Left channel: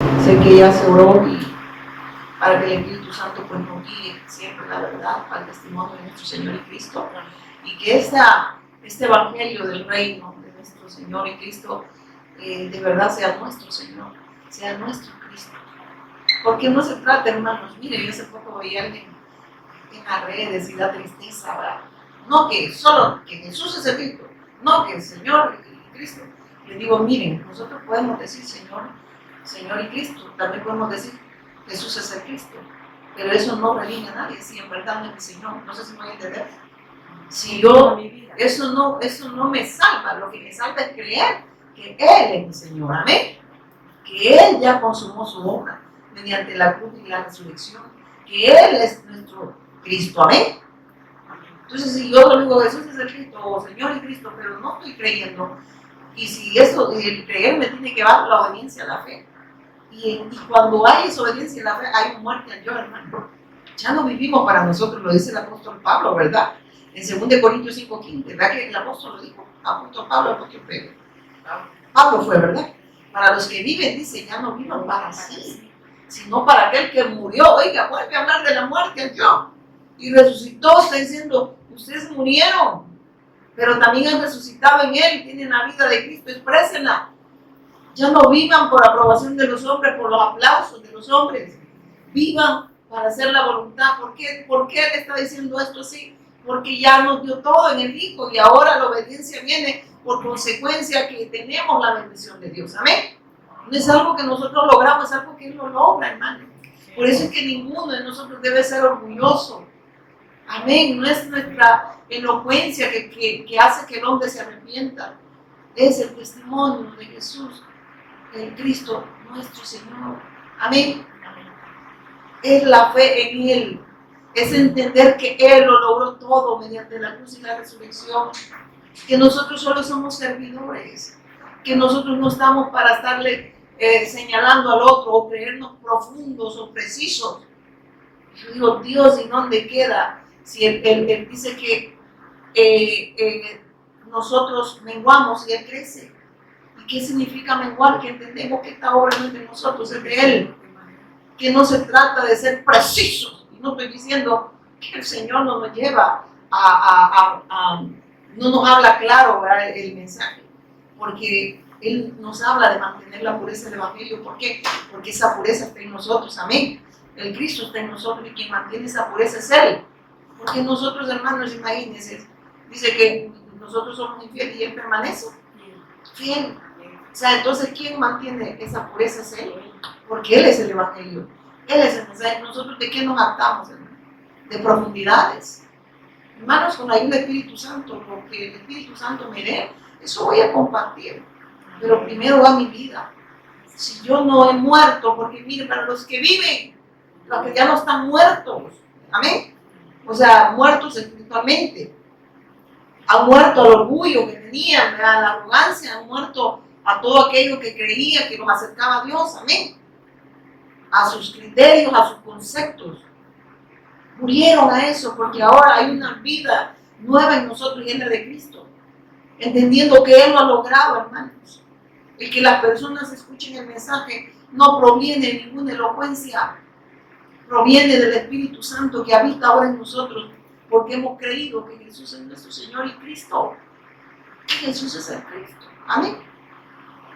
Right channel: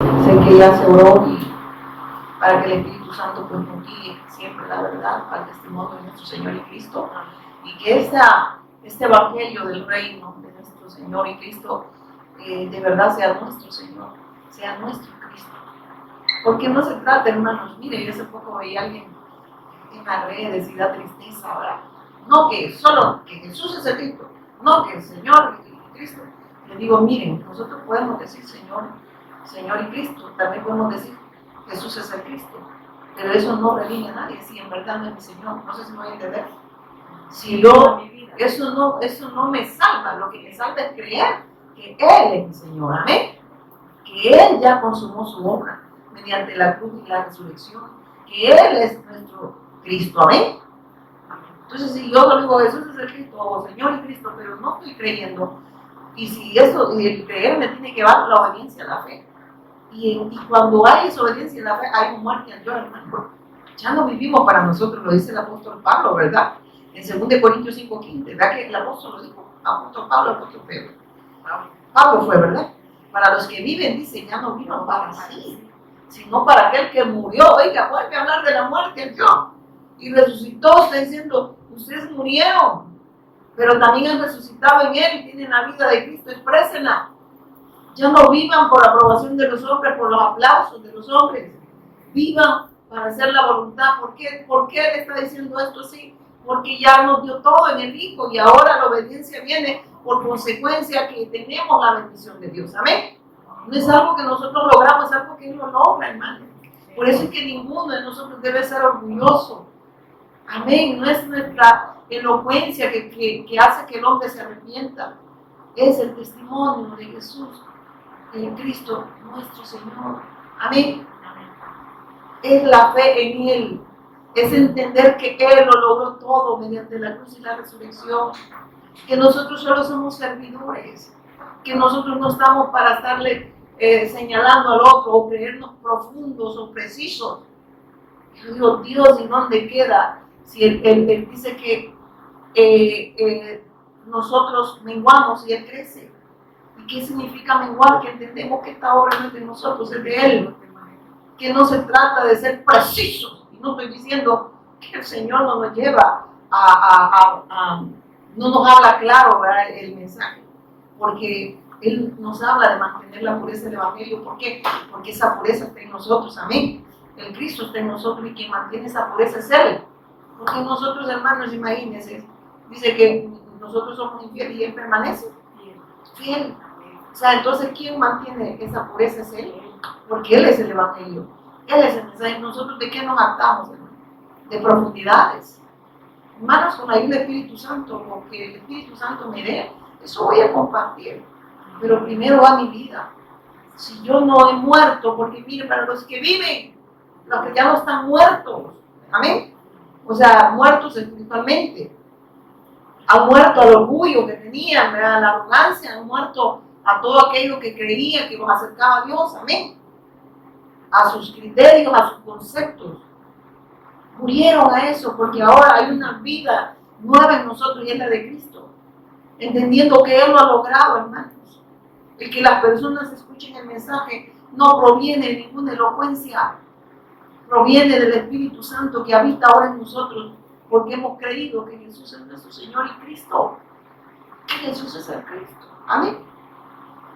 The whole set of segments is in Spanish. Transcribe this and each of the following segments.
Sé que ya se oró y para que el Espíritu Santo pues nos guíe siempre la verdad al testimonio de nuestro Señor y Cristo, y que este evangelio del reino de nuestro Señor y Cristo de verdad sea nuestro Señor, sea nuestro Cristo. Porque no se trata, hermanos, mire, yo hace poco veía a alguien en las redes y da tristeza, ¿verdad? No que solo que Jesús es el Cristo, no que el Señor y Cristo. Le digo, miren, nosotros podemos decir Señor, Señor y Cristo, también podemos decir Jesús es el Cristo, pero eso no redime a nadie si en verdad no es mi Señor. No sé si me voy a entender. Si yo, eso no me salva, lo que me salva es creer que Él es mi Señor, amén. Que Él ya consumó su obra mediante la cruz y la resurrección, que Él es nuestro Cristo, amén. Entonces, si yo digo Jesús es el Cristo, o Señor y Cristo, pero no estoy creyendo, y si eso, el creer me tiene que dar la obediencia a la fe, y cuando hay esa obediencia a la fe, hay un muerte al yo, hermano. Ya no vivimos para nosotros, lo dice el apóstol Pablo, ¿verdad? En 2 Corintios 5:15, ¿verdad que el apóstol lo dijo? Apóstol Pablo, apóstol Pedro. Pablo fue, ¿verdad? Para los que viven, dice, ya no vivan para sí, sino para aquel que murió. Oiga, vuelve a hablar de la muerte al yo. Y resucitó, está diciendo, ustedes murieron, pero también han resucitado en Él y tienen la vida de Cristo, exprésenla. Ya no vivan por aprobación de los hombres, por los aplausos de los hombres. Vivan para hacer la voluntad. ¿Por qué Él está diciendo esto así? Porque ya nos dio todo en el Hijo y ahora la obediencia viene por consecuencia que tenemos la bendición de Dios. Amén. No es algo que nosotros logramos, es algo que Él lo logra, hermano. Por eso es que ninguno de nosotros debe ser orgulloso. Amén. No es nuestra elocuencia que hace que el hombre se arrepienta. Es el testimonio de Jesús, en Cristo nuestro Señor. Amén. Es la fe en Él. Es entender que Él lo logró todo mediante la cruz y la resurrección. Que nosotros solo somos servidores. Que nosotros no estamos para estarle señalando al otro o creernos profundos o precisos. Yo digo, Dios, ¿y dónde queda? Si él dice que nosotros menguamos y Él crece. ¿Y qué significa menguar? Que entendemos que esta obra no es de nosotros, es de Él. Que no se trata de ser precisos. Y no estoy diciendo que el Señor no nos lleva no nos habla claro, ¿verdad? El mensaje. Porque Él nos habla de mantener la pureza del Evangelio. ¿Por qué? Porque esa pureza está en nosotros, amén. El Cristo está en nosotros y quien mantiene esa pureza es Él. Porque nosotros, hermanos, imagínense, dice que nosotros somos infieles y Él permanece fiel. O sea, entonces, ¿quién mantiene esa pureza? Es Él. Porque Él es el Evangelio. Él es el mensaje. ¿Nosotros de qué nos actamos, hermano? De profundidades. Hermanos, con la ayuda del Espíritu Santo, lo que el Espíritu Santo me dé, eso voy a compartir. Pero primero va mi vida. Si yo no he muerto, porque mire, para los que viven, los que ya no están muertos, amén. O sea, muertos espiritualmente. Han muerto al orgullo que tenían, a la arrogancia, han muerto a todo aquello que creía que los acercaba a Dios, amén. A sus criterios, a sus conceptos. Murieron a eso porque ahora hay una vida nueva en nosotros y es la de Cristo. Entendiendo que Él lo ha logrado, hermanos. El que las personas escuchen el mensaje no proviene de ninguna elocuencia, proviene del Espíritu Santo que habita ahora en nosotros, porque hemos creído que Jesús es nuestro Señor y Cristo. Que Jesús es el Cristo. Amén.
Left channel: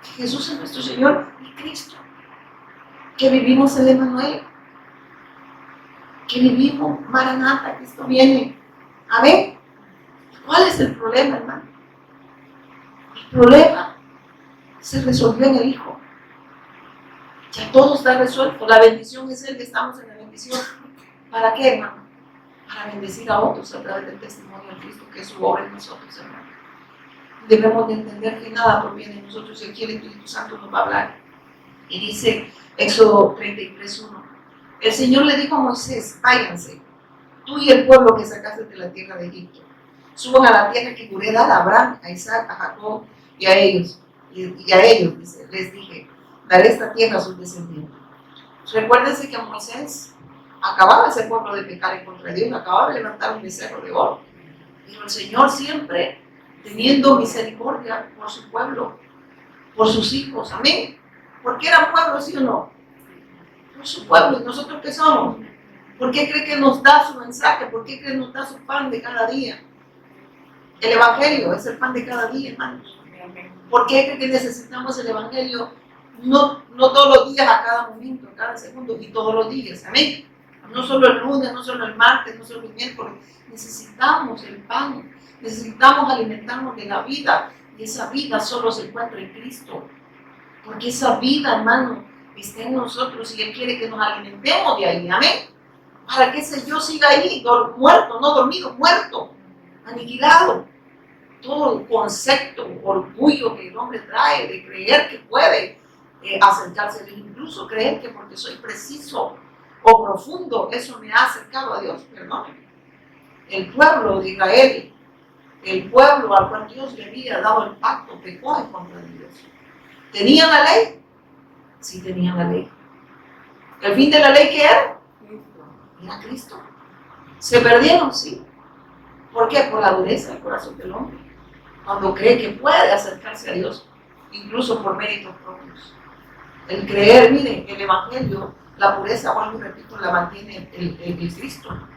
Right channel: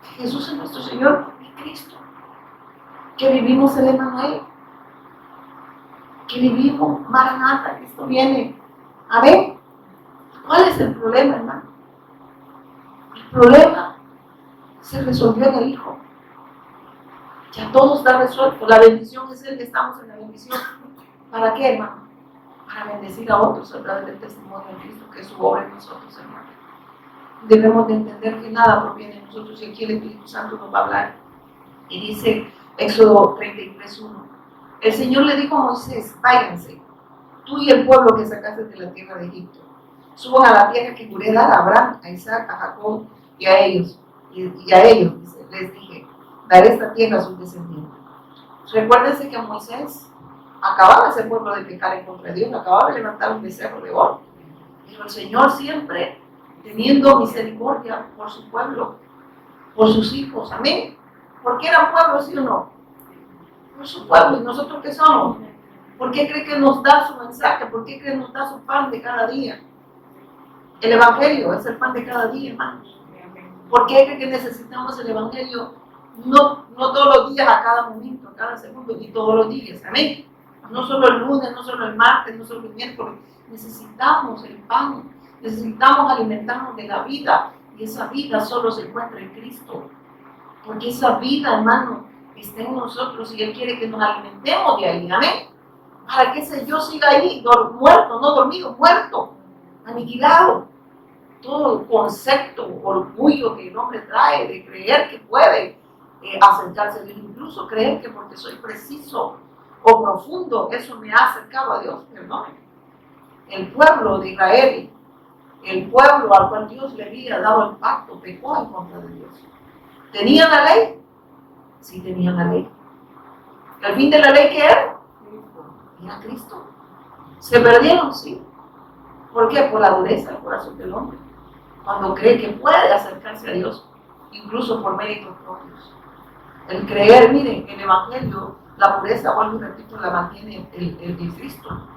Que Jesús es nuestro Señor y Cristo. Que vivimos el Emanuel. Que vivimos Maranata, Cristo viene. Amén. ¿Cuál es el problema, hermano? El problema se resolvió en el Hijo. Ya todo está resuelto. La bendición es Él, que estamos en la bendición. ¿Para qué, hermano? Para bendecir a otros a través del testimonio de Cristo, que es su obra en nosotros, hermano. Debemos de entender que nada proviene de nosotros y aquí el Espíritu Santo nos va a hablar. Y dice Éxodo 33:1. El Señor le dijo a Moisés, váyanse, tú y el pueblo que sacaste de la tierra de Egipto. Suban a la tierra que juré dar a Abraham, a Isaac, a Jacob y a ellos. Y a ellos, dice, les dije, daré esta tierra a sus descendientes. Recuérdense que Moisés acababa ese pueblo de pecar en contra de Dios, acababa de levantar un becerro de oro. Pero el Señor siempre teniendo misericordia por su pueblo, por sus hijos, amén. Porque eran pueblos, ¿sí o no? por su pueblo. ¿Y nosotros qué somos? ¿Por qué cree que nos da su mensaje? ¿Por qué cree que nos da su pan de cada día? El Evangelio es el pan de cada día, hermanos. ¿Por qué cree que necesitamos el Evangelio? No todos los días, a cada momento, a cada segundo y todos los días. Amén. No solo el lunes, no solo el martes, no solo el miércoles. Necesitamos el pan. Necesitamos alimentarnos de la vida. Y esa vida solo se encuentra en Cristo. Porque esa vida, hermano, está en nosotros y Él quiere que nos alimentemos de ahí. Amén. Para que ese yo siga ahí, muerto, no dormido, muerto, aniquilado. Todo el concepto, orgullo que el hombre trae de creer que puede acercarse a Dios, incluso creer que porque soy preciso o profundo, eso me ha acercado a Dios. Perdónenme. El pueblo de Israel, el pueblo al cual Dios le había dado el pacto, pecó en contra de Dios. ¿Tenían la ley? Sí, tenían la ley. ¿El fin de la ley qué era? Era Cristo. ¿Se perdieron? Sí. ¿Por qué? Por la dureza del corazón del hombre. Cuando cree que puede acercarse a Dios, incluso por méritos propios. El creer, miren, el Evangelio, la pureza, vuelvo y repito, la mantiene el Cristo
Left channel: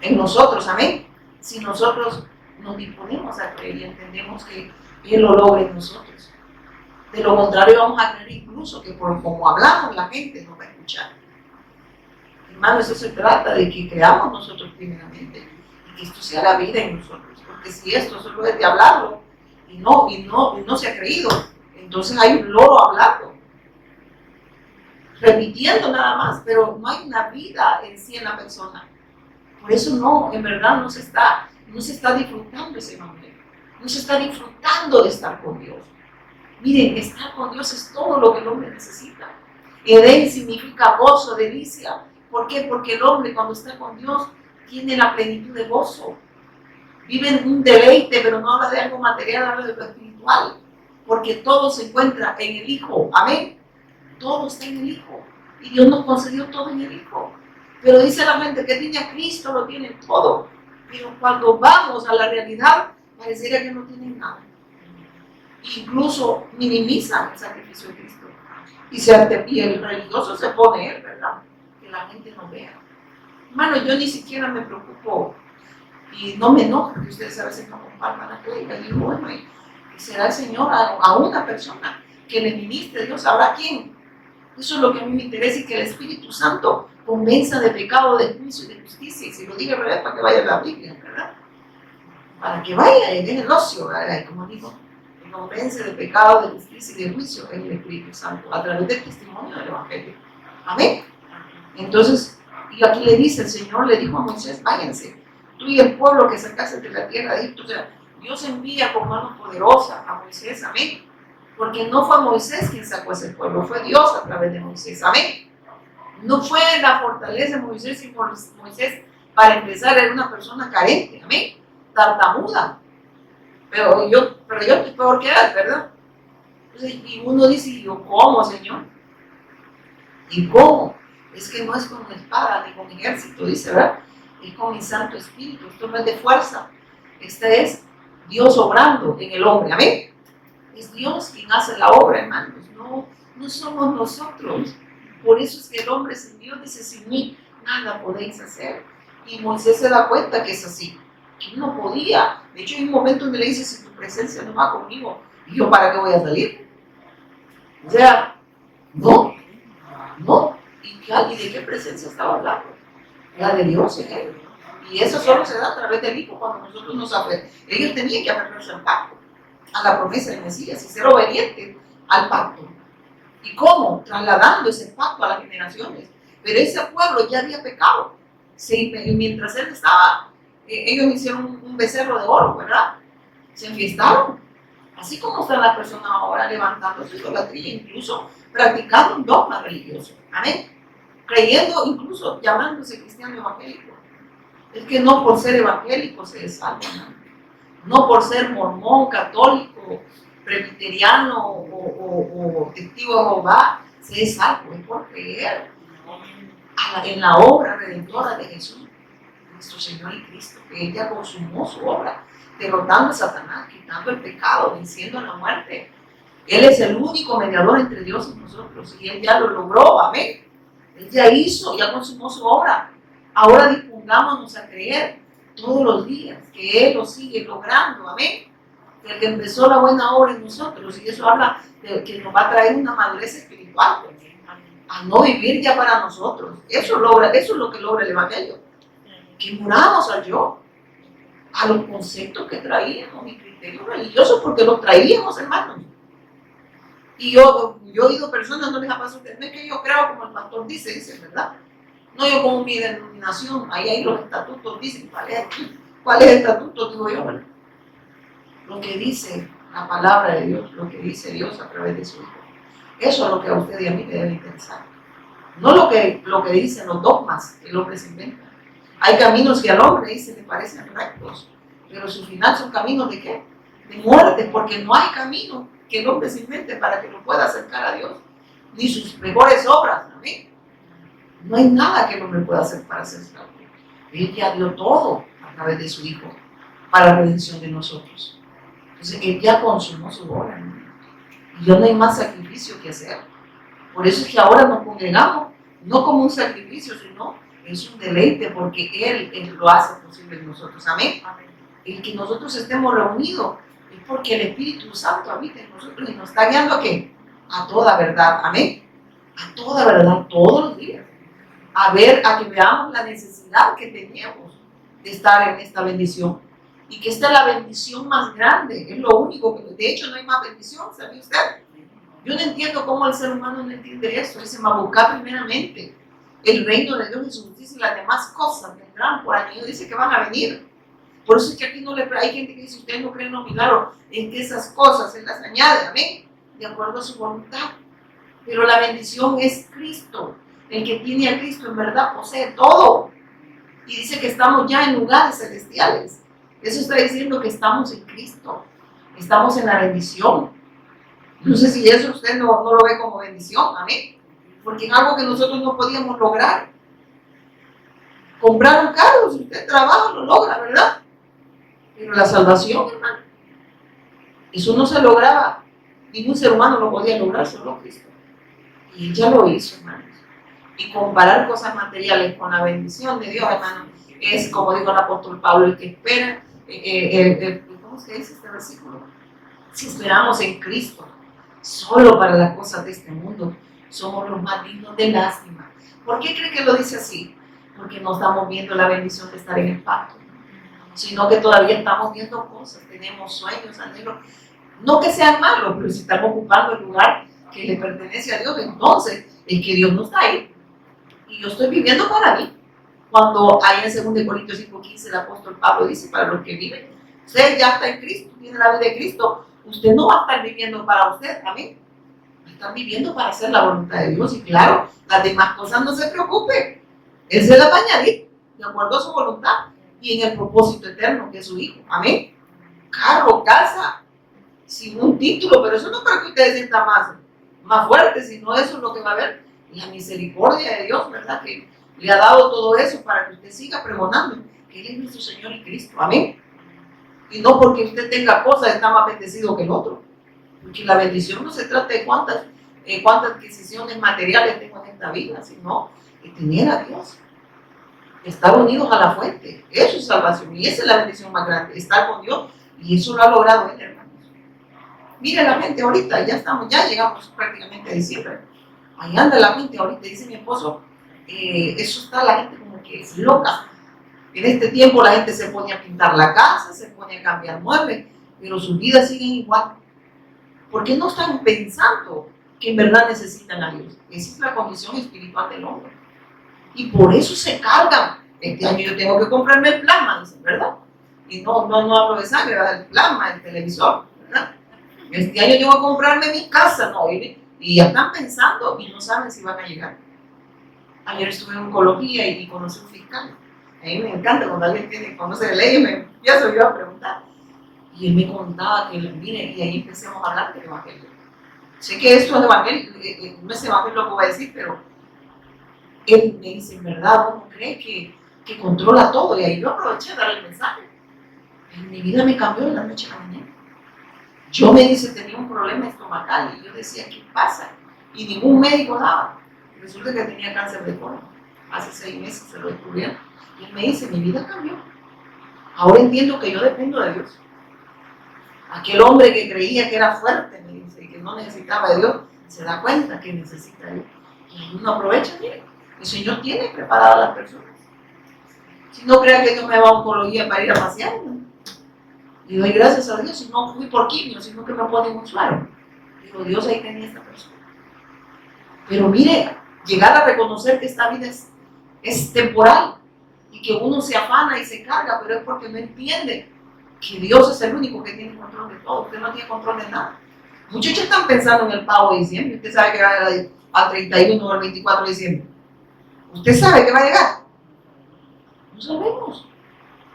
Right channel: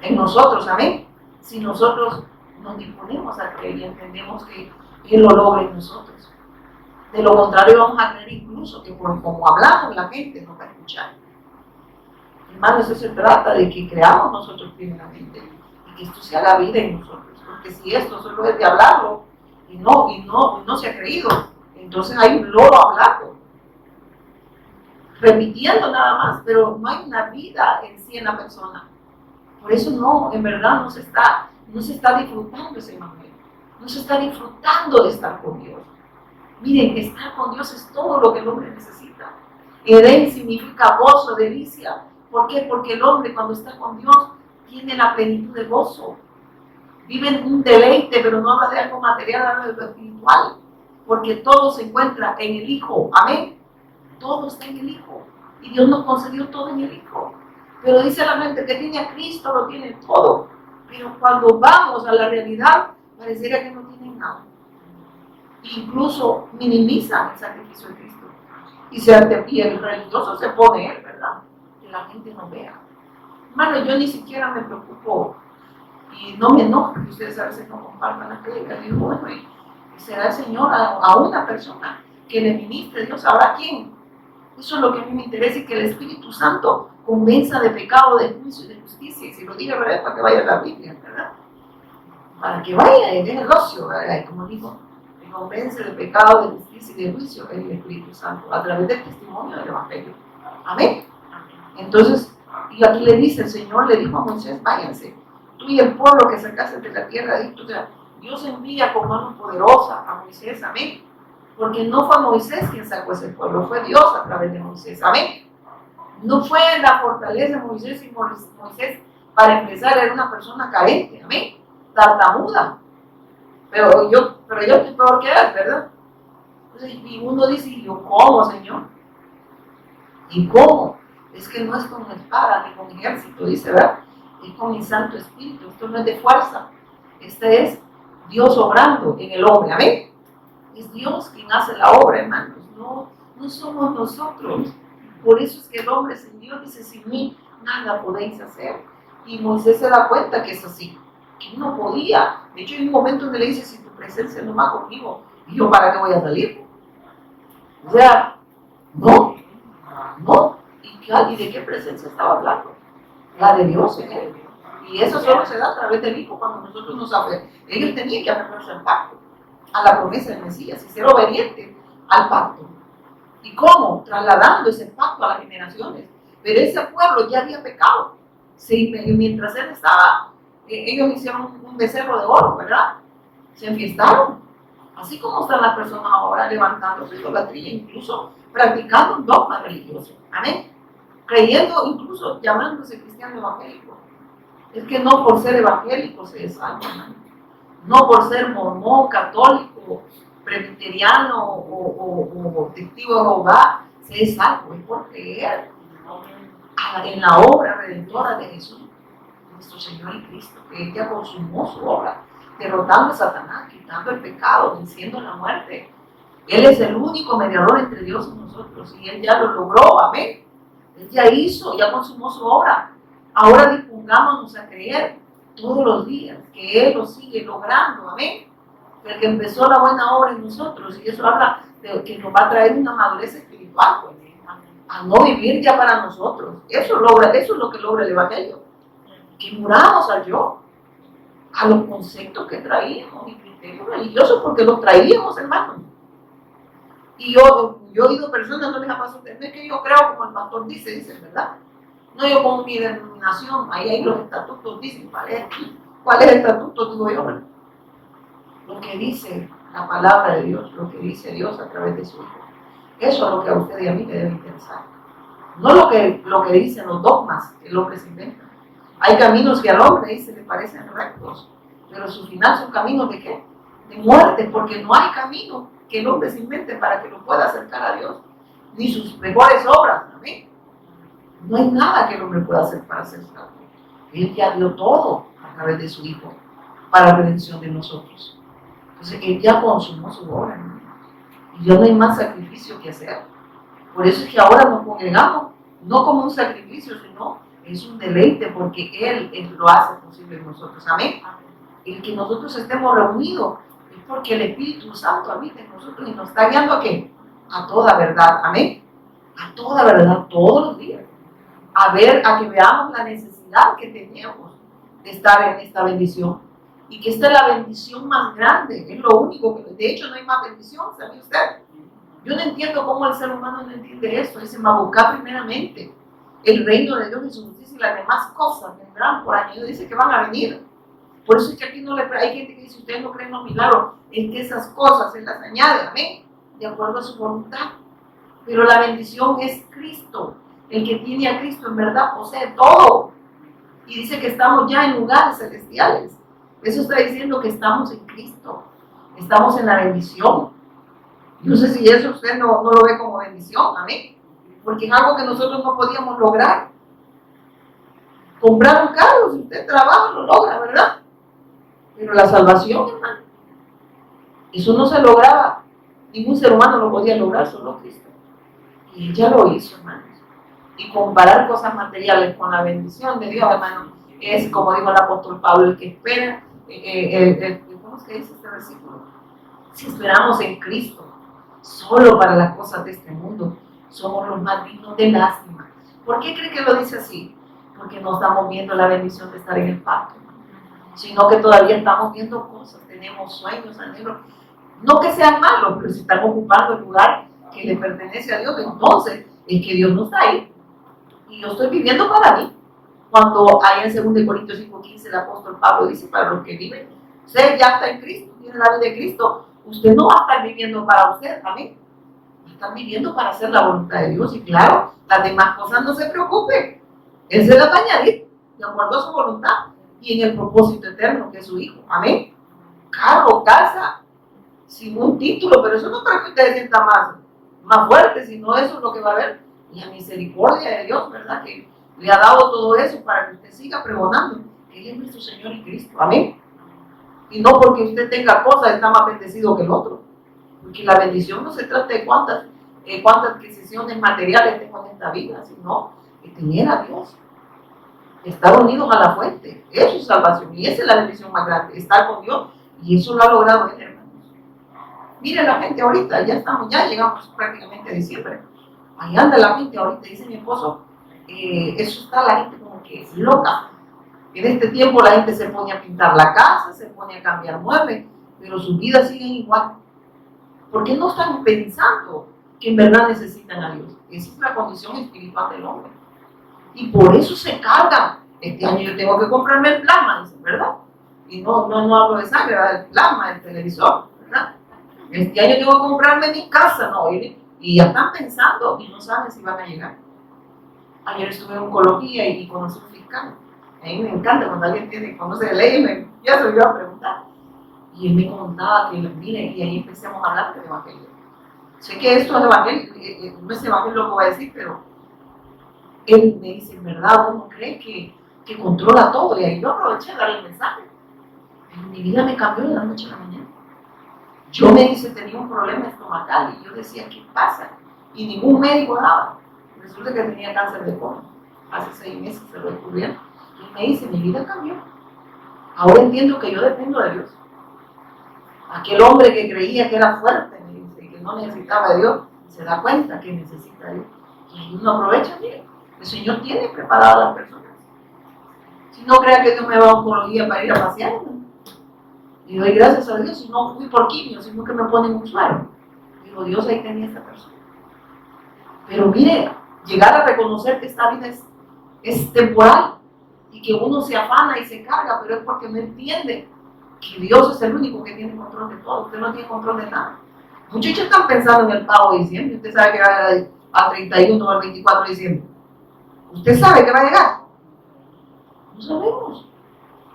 en nosotros, amén. Si nosotros nos disponemos a creer y entendemos que Él lo logra en nosotros. De lo contrario, vamos a creer incluso que por como hablamos, la gente nos va a escuchar. Hermanos, eso se trata de que creamos nosotros primeramente y que esto sea la vida en nosotros. Porque si esto solo es de hablarlo y no se ha creído, entonces hay un loro hablando, repitiendo nada más, pero no hay una vida en sí en la persona. Por eso en verdad no se está disfrutando ese evangelio, no se está disfrutando de estar con Dios. Miren, estar con Dios es todo lo que el hombre necesita. Edén significa gozo, delicia. ¿Por qué? Porque el hombre cuando está con Dios tiene la plenitud de gozo. Vive en un deleite, pero no habla de algo material, habla de lo espiritual. Porque todo se encuentra en el Hijo. Amén. Todo está en el Hijo. Y Dios nos concedió todo en el Hijo. Pero dice la gente que tiene a Cristo, lo tiene todo. Pero cuando vamos a la realidad, pareciera que no tienen nada. Incluso minimizan el sacrificio de Cristo. Y el religioso se pone él, ¿verdad? Que la gente no vea. Hermano, yo ni siquiera me preocupo y no me enoja que ustedes a veces no compartan la prédica. Digo, bueno, y será el Señor a una persona que le ministre, Dios sabrá quién. Eso es lo que a mí me interesa y que el Espíritu Santo convenza de pecado, de juicio y de justicia. Y si lo diga al revés, para que vaya a la Biblia, ¿verdad? Para que vaya y deje el ocio, ¿verdad? Y como digo, convence de pecado, de justicia y de juicio es el Espíritu Santo a través del testimonio del Evangelio. Amén. Entonces, y aquí le dice el Señor, le dijo a Moisés, váyanse, tú y el pueblo que sacaste de la tierra de Egipto. O sea, Dios envía con mano poderosa a Moisés, amén. Porque no fue Moisés quien sacó ese pueblo, fue Dios a través de Moisés, amén. No fue la fortaleza de Moisés, y Moisés, para empezar, era una persona carente, amén, tartamuda. Pero yo estoy peor que él, ¿verdad? Entonces, y uno dice, ¿y yo cómo, Señor? ¿Y cómo? Es que no es con espada ni con ejército, dice, ¿verdad? Es con mi Santo Espíritu. Esto no es de fuerza. Este es Dios obrando en el hombre, ¿amén? Es Dios quien hace la obra, hermanos. No somos nosotros. Por eso es que el hombre sin Dios dice, sin mí nada podéis hacer. Y Moisés se da cuenta que es así. Que no podía. De hecho, hay un momento donde le dice, si tu presencia no va conmigo, ¿y yo para qué voy a salir? O sea, no. ¿Y de qué presencia estaba hablando? La de Dios en él. Y eso solo se da a través del Hijo cuando nosotros nos aferramos. Ellos tenían que aferrarse al pacto, a la promesa del Mesías y ser obedientes al pacto. ¿Y cómo? Trasladando ese pacto a las generaciones. Pero ese pueblo ya había pecado. Sí, mientras él estaba, ellos hicieron un becerro de oro, ¿verdad? Se enfiestaron. Así como están las personas ahora levantando su idolatría, incluso practicando un dogma religioso. Amén. Creyendo, incluso llamándose cristiano evangélico. Es que no por ser evangélico se es salvo, ¿no? No por ser mormón, católico, presbiteriano o testigo de Jehová se es salvo, es por creer en la obra redentora de Jesús, nuestro Señor y Cristo, que Él ya consumó su obra, derrotando a Satanás, quitando el pecado, venciendo la muerte. Él es el único mediador entre Dios y nosotros, y Él ya lo logró, amén. Él ya hizo, ya consumó su obra. Ahora dispongámonos a creer todos los días que Él lo sigue logrando. Amén. El que empezó la buena obra en nosotros, y eso habla de que nos va a traer una madurez espiritual, pues, a no vivir ya para nosotros. Eso es lo que logra el Evangelio. Que muramos al yo, a los conceptos que traíamos y criterios religiosos, porque los traíamos, hermanos. Y yo he oído personas, no les ha pasado, no es que yo creo como el pastor dice, ¿verdad? No, yo como mi denominación, ahí los estatutos dicen, ¿cuál es el estatuto? Digo yo, bueno, lo que dice la palabra de Dios, lo que dice Dios a través de su Hijo. Eso es lo que a usted y a mí le debe interesar. No lo que dicen los dogmas que el hombre se inventa. Hay caminos que al hombre dice le parecen rectos, pero su final son caminos de ¿qué? De muerte, porque no hay camino que el hombre se invente para que lo pueda acercar a Dios, ni sus mejores obras. ¿Amén? No hay nada que el hombre pueda hacer para hacerse a Dios. Él ya dio todo a través de su Hijo para la redención de nosotros. Entonces, Él ya consumó su obra, ¿no? Y ya no hay más sacrificio que hacer. Por eso es que ahora nos congregamos, no como un sacrificio, sino es un deleite, porque Él lo hace posible en nosotros. Amén. El que nosotros estemos reunidos es porque el Espíritu Santo habita en nosotros y nos está guiando ¿a qué? A toda verdad. Amén. A toda verdad, todos los días. A que veamos la necesidad que teníamos de estar en esta bendición. Y que esta es la bendición más grande, es lo único que, de hecho no hay más bendición, ¿sabe usted? Yo no entiendo cómo el ser humano no entiende eso. Dice, va a buscar primeramente el reino de Dios y su justicia y las demás cosas vendrán por añadido. Dice que van a venir. Por eso es que aquí no le hay gente que dice, ustedes no creen en los milagros, en que esas cosas Él las añade, amén, de acuerdo a su voluntad. Pero la bendición es Cristo. El que tiene a Cristo en verdad posee todo. Y dice que estamos ya en lugares celestiales. Eso está diciendo que estamos en Cristo. Estamos en la bendición. No sé si eso usted no lo ve como bendición, amén. Porque es algo que nosotros no podíamos lograr. Comprar un carro, si usted trabaja, lo logra, ¿verdad? Pero la salvación, hermano, eso no se lograba. Ningún ser humano lo podía lograr, solo Cristo. Y Él ya lo hizo, hermanos. Y comparar cosas materiales con la bendición de Dios, hermano, es como dijo el apóstol Pablo, el que espera, ¿cómo se dice este versículo? Si esperamos en Cristo, solo para las cosas de este mundo, somos los más dignos de lástima. ¿Por qué cree que lo dice así? Porque no estamos viendo la bendición de estar en el pacto, sino que todavía estamos viendo cosas, tenemos sueños, anhelos, no que sean malos, pero si estamos ocupando el lugar que le pertenece a Dios, entonces es que Dios no está ahí. Y yo estoy viviendo para mí. Cuando hay en 2 Corintios 5:15 el apóstol Pablo dice, para los que viven, usted ya está en Cristo, tiene la vida de Cristo, usted no va a estar viviendo para usted, amén. Va a estar viviendo para hacer la voluntad de Dios. Y claro, las demás cosas no se preocupe, Él se las va a añadir de acuerdo a su voluntad y en el propósito eterno que es su Hijo, amén. Carro, casa, sin un título, pero eso no para que ustedes sientan más fuertes, sino eso es lo que va a haber, la misericordia de Dios, ¿verdad? Que le ha dado todo eso para que usted siga pregonando que Él es nuestro Señor y Cristo, amén. Y no porque usted tenga cosas está más bendecido que el otro, porque la bendición no se trata de cuántas adquisiciones materiales tengo en esta vida, sino de tener a Dios, estar unidos a la fuente. Eso es salvación y esa es la bendición más grande, estar con Dios, y eso lo ha logrado Él, hermanos. Mire la gente ahorita, ya llegamos prácticamente a diciembre. Ahí anda la gente ahorita, dice mi esposo, eso está la gente como que es loca. En este tiempo la gente se pone a pintar la casa, se pone a cambiar muebles, pero sus vidas siguen igual. Porque no están pensando que en verdad necesitan a Dios. Esa es la condición espiritual del hombre. Y por eso se cargan. Este año yo tengo que comprarme el plasma, dicen, ¿verdad? Y no hablo de sangre, va del plasma, el televisor, ¿verdad? Este año tengo que comprarme mi casa, ¿no? Y ya están pensando y no saben si van a llegar. Ayer estuve en oncología y conocí un fiscal. A mí me encanta cuando alguien conoce de ley y me empiezo yo a preguntar. Y él me contaba que, mire, y ahí empecemos a hablar del evangelio. Sé que esto es evangelio, no es evangelio lo que voy a decir, pero él me dice, en verdad, ¿uno cree que controla todo? Y ahí yo aproveché de darle el mensaje. En mi vida me cambió de la noche a la mañana. Yo tenía un problema estomacal y yo decía, ¿qué pasa? Y ningún médico daba. Resulta que tenía cáncer de colon. Hace 6 meses se lo descubrieron. Y él me dice, mi vida cambió. Ahora entiendo que yo dependo de Dios. Aquel hombre que creía que era fuerte, me dice, y que no necesitaba de Dios, se da cuenta que necesita de Dios. Y uno aprovecha, mire, el Señor tiene preparadas a las personas. Si no crea que Dios me va a oncología para ir a pasear, ¿no? Y doy gracias a Dios, si no fui por quimio, sino que me ponen un suero. Digo, Dios ahí tenía esta persona. Pero mire, llegar a reconocer que esta vida es temporal y que uno se afana y se carga, pero es porque no entiende que Dios es el único que tiene control de todo. Usted no tiene control de nada. Muchos están pensando en el pago de diciembre. Usted sabe que va a llegar al 31 o al 24 de diciembre. ¿Usted sabe que va a llegar? No sabemos.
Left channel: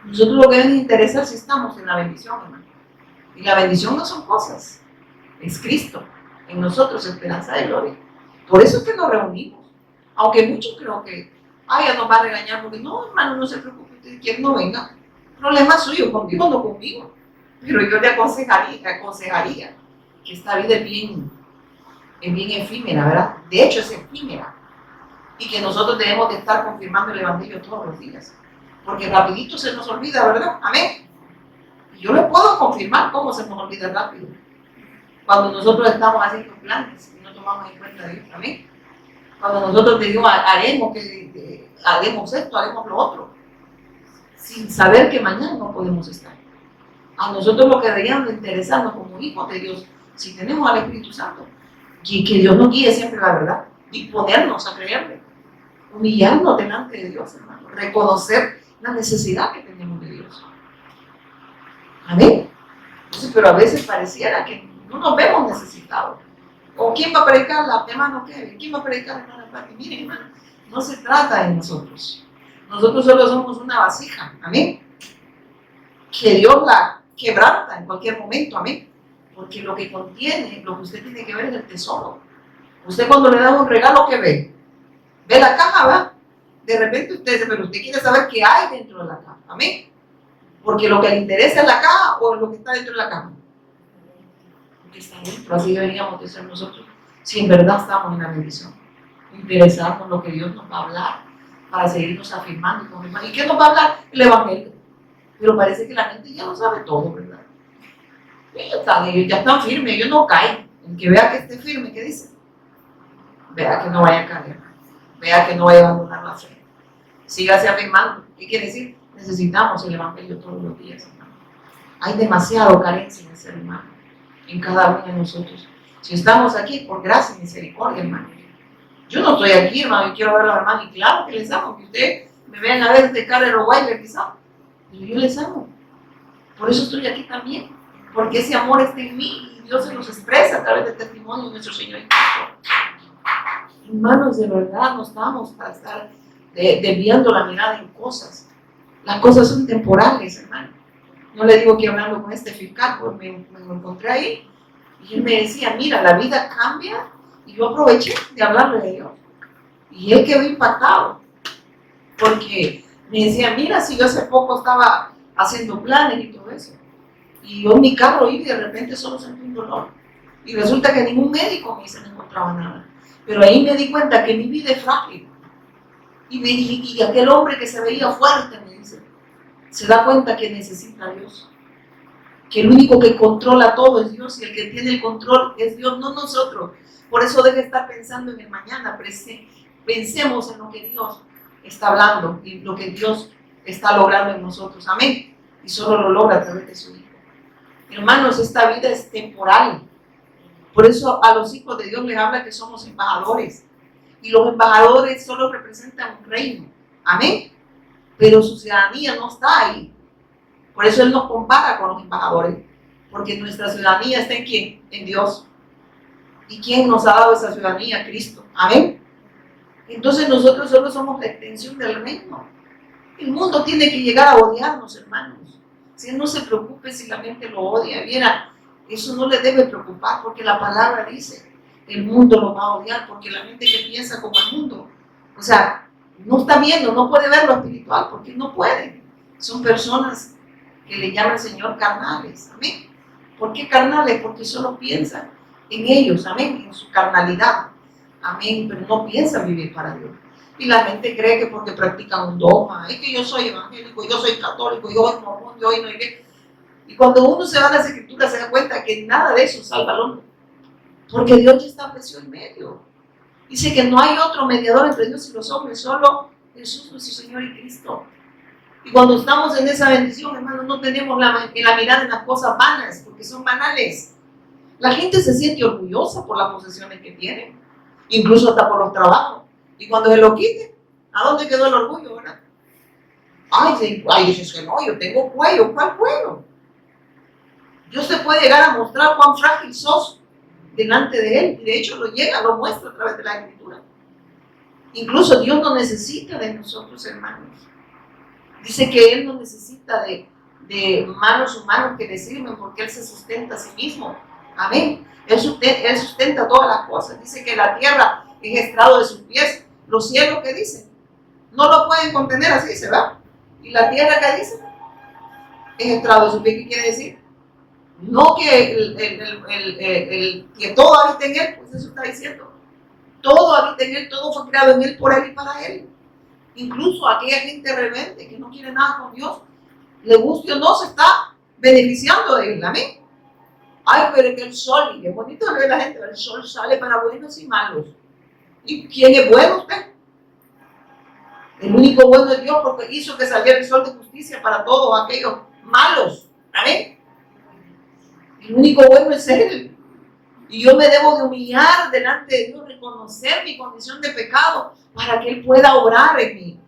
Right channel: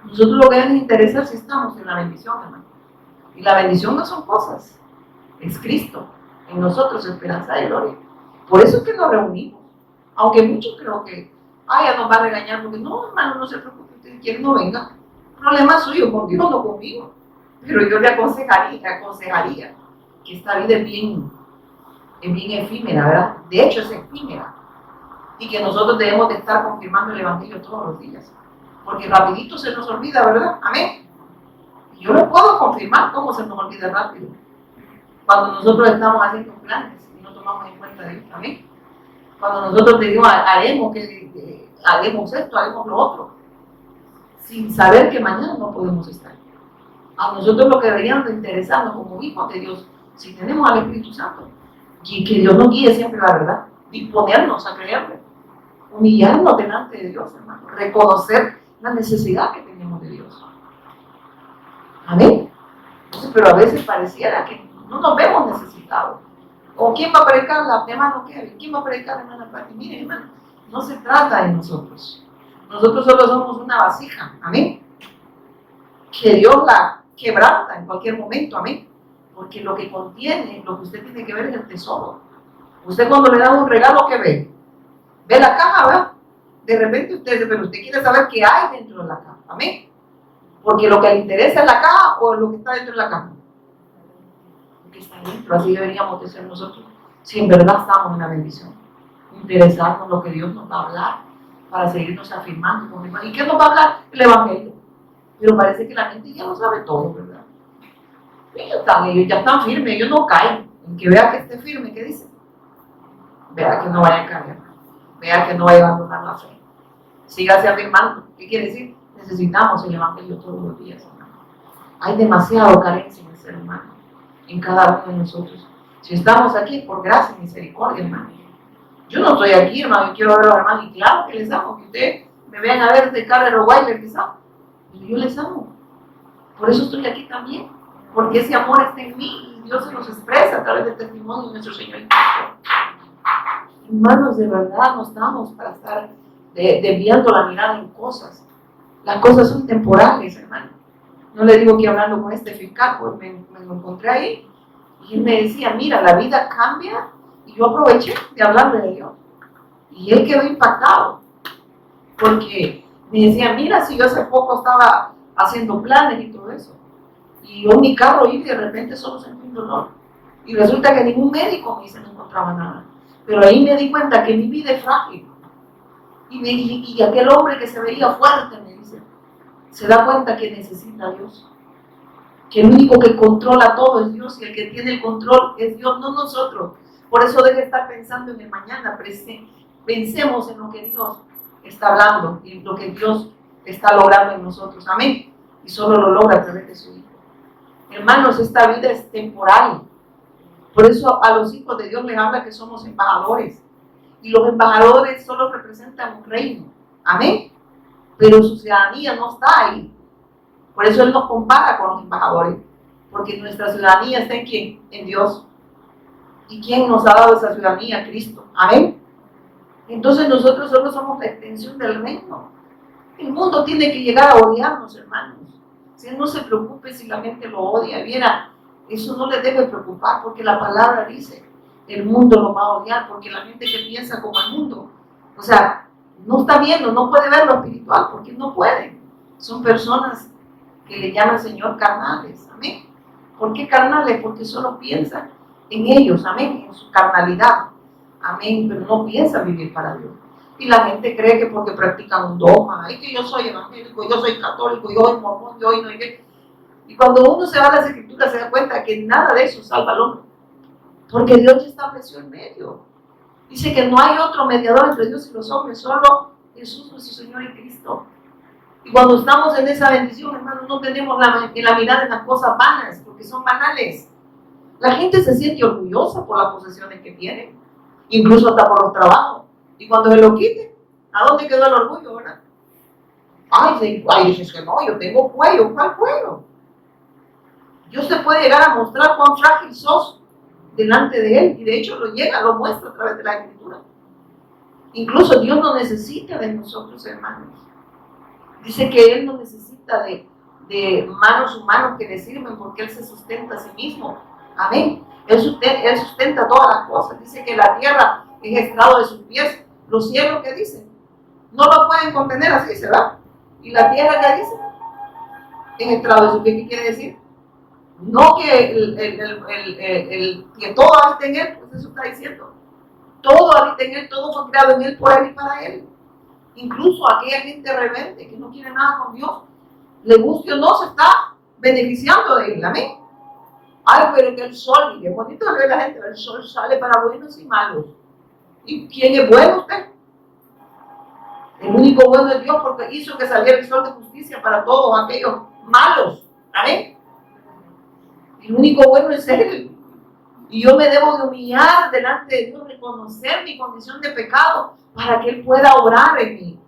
Nosotros lo que nos interesa es si estamos en la bendición, hermano. Y la bendición no son cosas, es Cristo. En nosotros esperanza de gloria. Por eso es que nos reunimos. Aunque muchos creo que, ya nos va a regañar, porque no, hermano, no se preocupe, usted quien no venga. Problema suyo, con Dios, no conmigo. Pero yo le aconsejaría que esta vida es bien efímera, ¿verdad? De hecho, es efímera. Y que nosotros debemos de estar confirmando el Evangelio todos los días. Porque rapidito se nos olvida, ¿verdad? Amén. Y yo le puedo confirmar cómo se nos olvida rápido. Cuando nosotros estamos haciendo planes y no tomamos en cuenta de Dios. Amén. Cuando nosotros decimos, haremos esto, haremos lo otro. Sin saber que mañana no podemos estar. A nosotros lo que deberíamos de interesarnos como hijos de Dios, si tenemos al Espíritu Santo, y que Dios nos guíe siempre la verdad, disponernos a creerle, humillarnos delante de Dios, hermano, reconocer la necesidad que tenemos de Dios. Amén. Entonces, pero a veces pareciera que no nos vemos necesitados. ¿O quién va a predicar? La hermano Kevin. ¿Quién va a predicar, hermana Pati? Miren, hermano, no se trata de nosotros. Nosotros solo somos una vasija. Amén. Que Dios la quebranta en cualquier momento. Amén. Porque lo que contiene, lo que usted tiene que ver es el tesoro. Usted cuando le da un regalo, ¿qué ve? Ve la caja, ¿verdad? De repente usted dice, pero usted quiere saber qué hay dentro de la caja. Amén. Porque lo que le interesa es la caja o lo que está dentro de la caja. Lo que está dentro, así deberíamos de ser nosotros. Si en verdad estamos en la bendición. Interesarnos en lo que Dios nos va a hablar para seguirnos afirmando y confirmando. ¿Y qué nos va a hablar? El Evangelio. Pero parece que la gente ya lo sabe todo, ¿verdad? Ellos ya están firmes, ellos no caen. El que vea que esté firme, ¿qué dice? Vea que no vaya a caer. Vea que no vaya a abandonar la fe. Sígase afirmando. ¿Qué quiere decir? Necesitamos el Evangelio todos los días, hermano. Hay demasiada carencia en el ser humano, en cada uno de nosotros. Si estamos aquí, por gracia y misericordia, hermano. Yo no estoy aquí, hermano, y quiero ver a los hermanos, y claro que les amo, que ustedes me vean a ver de cara de Rottweiler, quizás. Pero yo les amo. Por eso estoy aquí también. Porque ese amor está en mí y Dios se nos expresa a través del testimonio de nuestro Señor y Cristo. Hermanos, de verdad no estamos para estar desviando la mirada en cosas. Las cosas son temporales, hermano. No le digo que hablando con este fiscal, pues me lo encontré ahí y él me decía, mira, la vida cambia, y yo aproveché de hablarle de Dios. Y él quedó impactado porque me decía, mira, si yo hace poco estaba haciendo planes y todo eso, y yo mi carro iba y de repente solo sentí un dolor. Y resulta que ningún médico me dice no encontraba nada. Pero ahí me di cuenta que mi vida es frágil. Y aquel hombre que se veía fuerte, me dice, se da cuenta que necesita a Dios. Que el único que controla todo es Dios y el que tiene el control es Dios, no nosotros. Por eso debe estar pensando en el mañana. Pensemos en lo que Dios está hablando y lo que Dios está logrando en nosotros. Amén. Y solo lo logra a través de su Hijo. Hermanos, esta vida es temporal. Por eso a los hijos de Dios les habla que somos embajadores. Y los embajadores solo representan un reino. Amén. Pero su ciudadanía no está ahí. Por eso Él nos compara con los embajadores. Porque nuestra ciudadanía está en ¿quién? En Dios. ¿Y quién nos ha dado esa ciudadanía? Cristo. Amén. Entonces nosotros solo somos la extensión del reino. El mundo tiene que llegar a odiarnos, hermanos. Si no se preocupe si la mente lo odia, viera, eso no le debe preocupar porque la palabra dice, el mundo lo va a odiar porque la gente que piensa como el mundo, o sea, no está viendo, no puede ver lo espiritual porque no puede. Son personas que le llama el Señor carnales, amén. ¿Por qué carnales? Porque solo piensan en ellos, amén, en su carnalidad. Amén, pero no piensa vivir para Dios. Y la gente cree que porque practican un dogma, es que yo soy evangélico, yo soy católico, yo soy mormón, yo no. Y cuando uno se va a las escrituras se da cuenta que nada de eso salva al hombre. Porque Dios ya estableció el medio. Dice que no hay otro mediador entre Dios y los hombres, solo Jesús nuestro Señor y Cristo. Y cuando estamos en esa bendición, hermanos, no tenemos la mirada en las cosas vanas, porque son banales. La gente se siente orgullosa por las posesiones que tiene, incluso hasta por los trabajos. Y cuando se lo quite, ¿a dónde quedó el orgullo, verdad? Ay, dices que no, yo tengo cuello. ¿Cuál cuello? Dios se puede llegar a mostrar cuán frágil sos delante de Él, y de hecho lo muestra a través de la Escritura. Incluso Dios no necesita de nosotros, hermanos. Dice que Él no necesita de manos humanos que le sirven, porque Él se sustenta a sí mismo. Amén. Él sustenta todas las cosas. Dice que la tierra es estrado de sus pies. Los cielos, ¿qué dicen? No lo pueden contener, así se va. Y la tierra, ¿qué dice? Es estrado de sus pies. ¿Qué quiere decir? No que que todo habita en Él, pues eso está diciendo. Todo habita en Él, todo fue creado en Él, por Él y para Él. Incluso aquella gente rebelde que no quiere nada con Dios, le guste o no, se está beneficiando de Él. Amén. Ay, pero que el sol, y qué bonito ve la gente, el sol sale para buenos y malos. ¿Y quién es bueno usted? El único bueno es Dios, porque hizo que saliera el sol de justicia para todos aquellos malos. Amén. El único bueno es Él. Y yo me debo de humillar delante de Dios, reconocer mi condición de pecado, para que Él pueda obrar en mi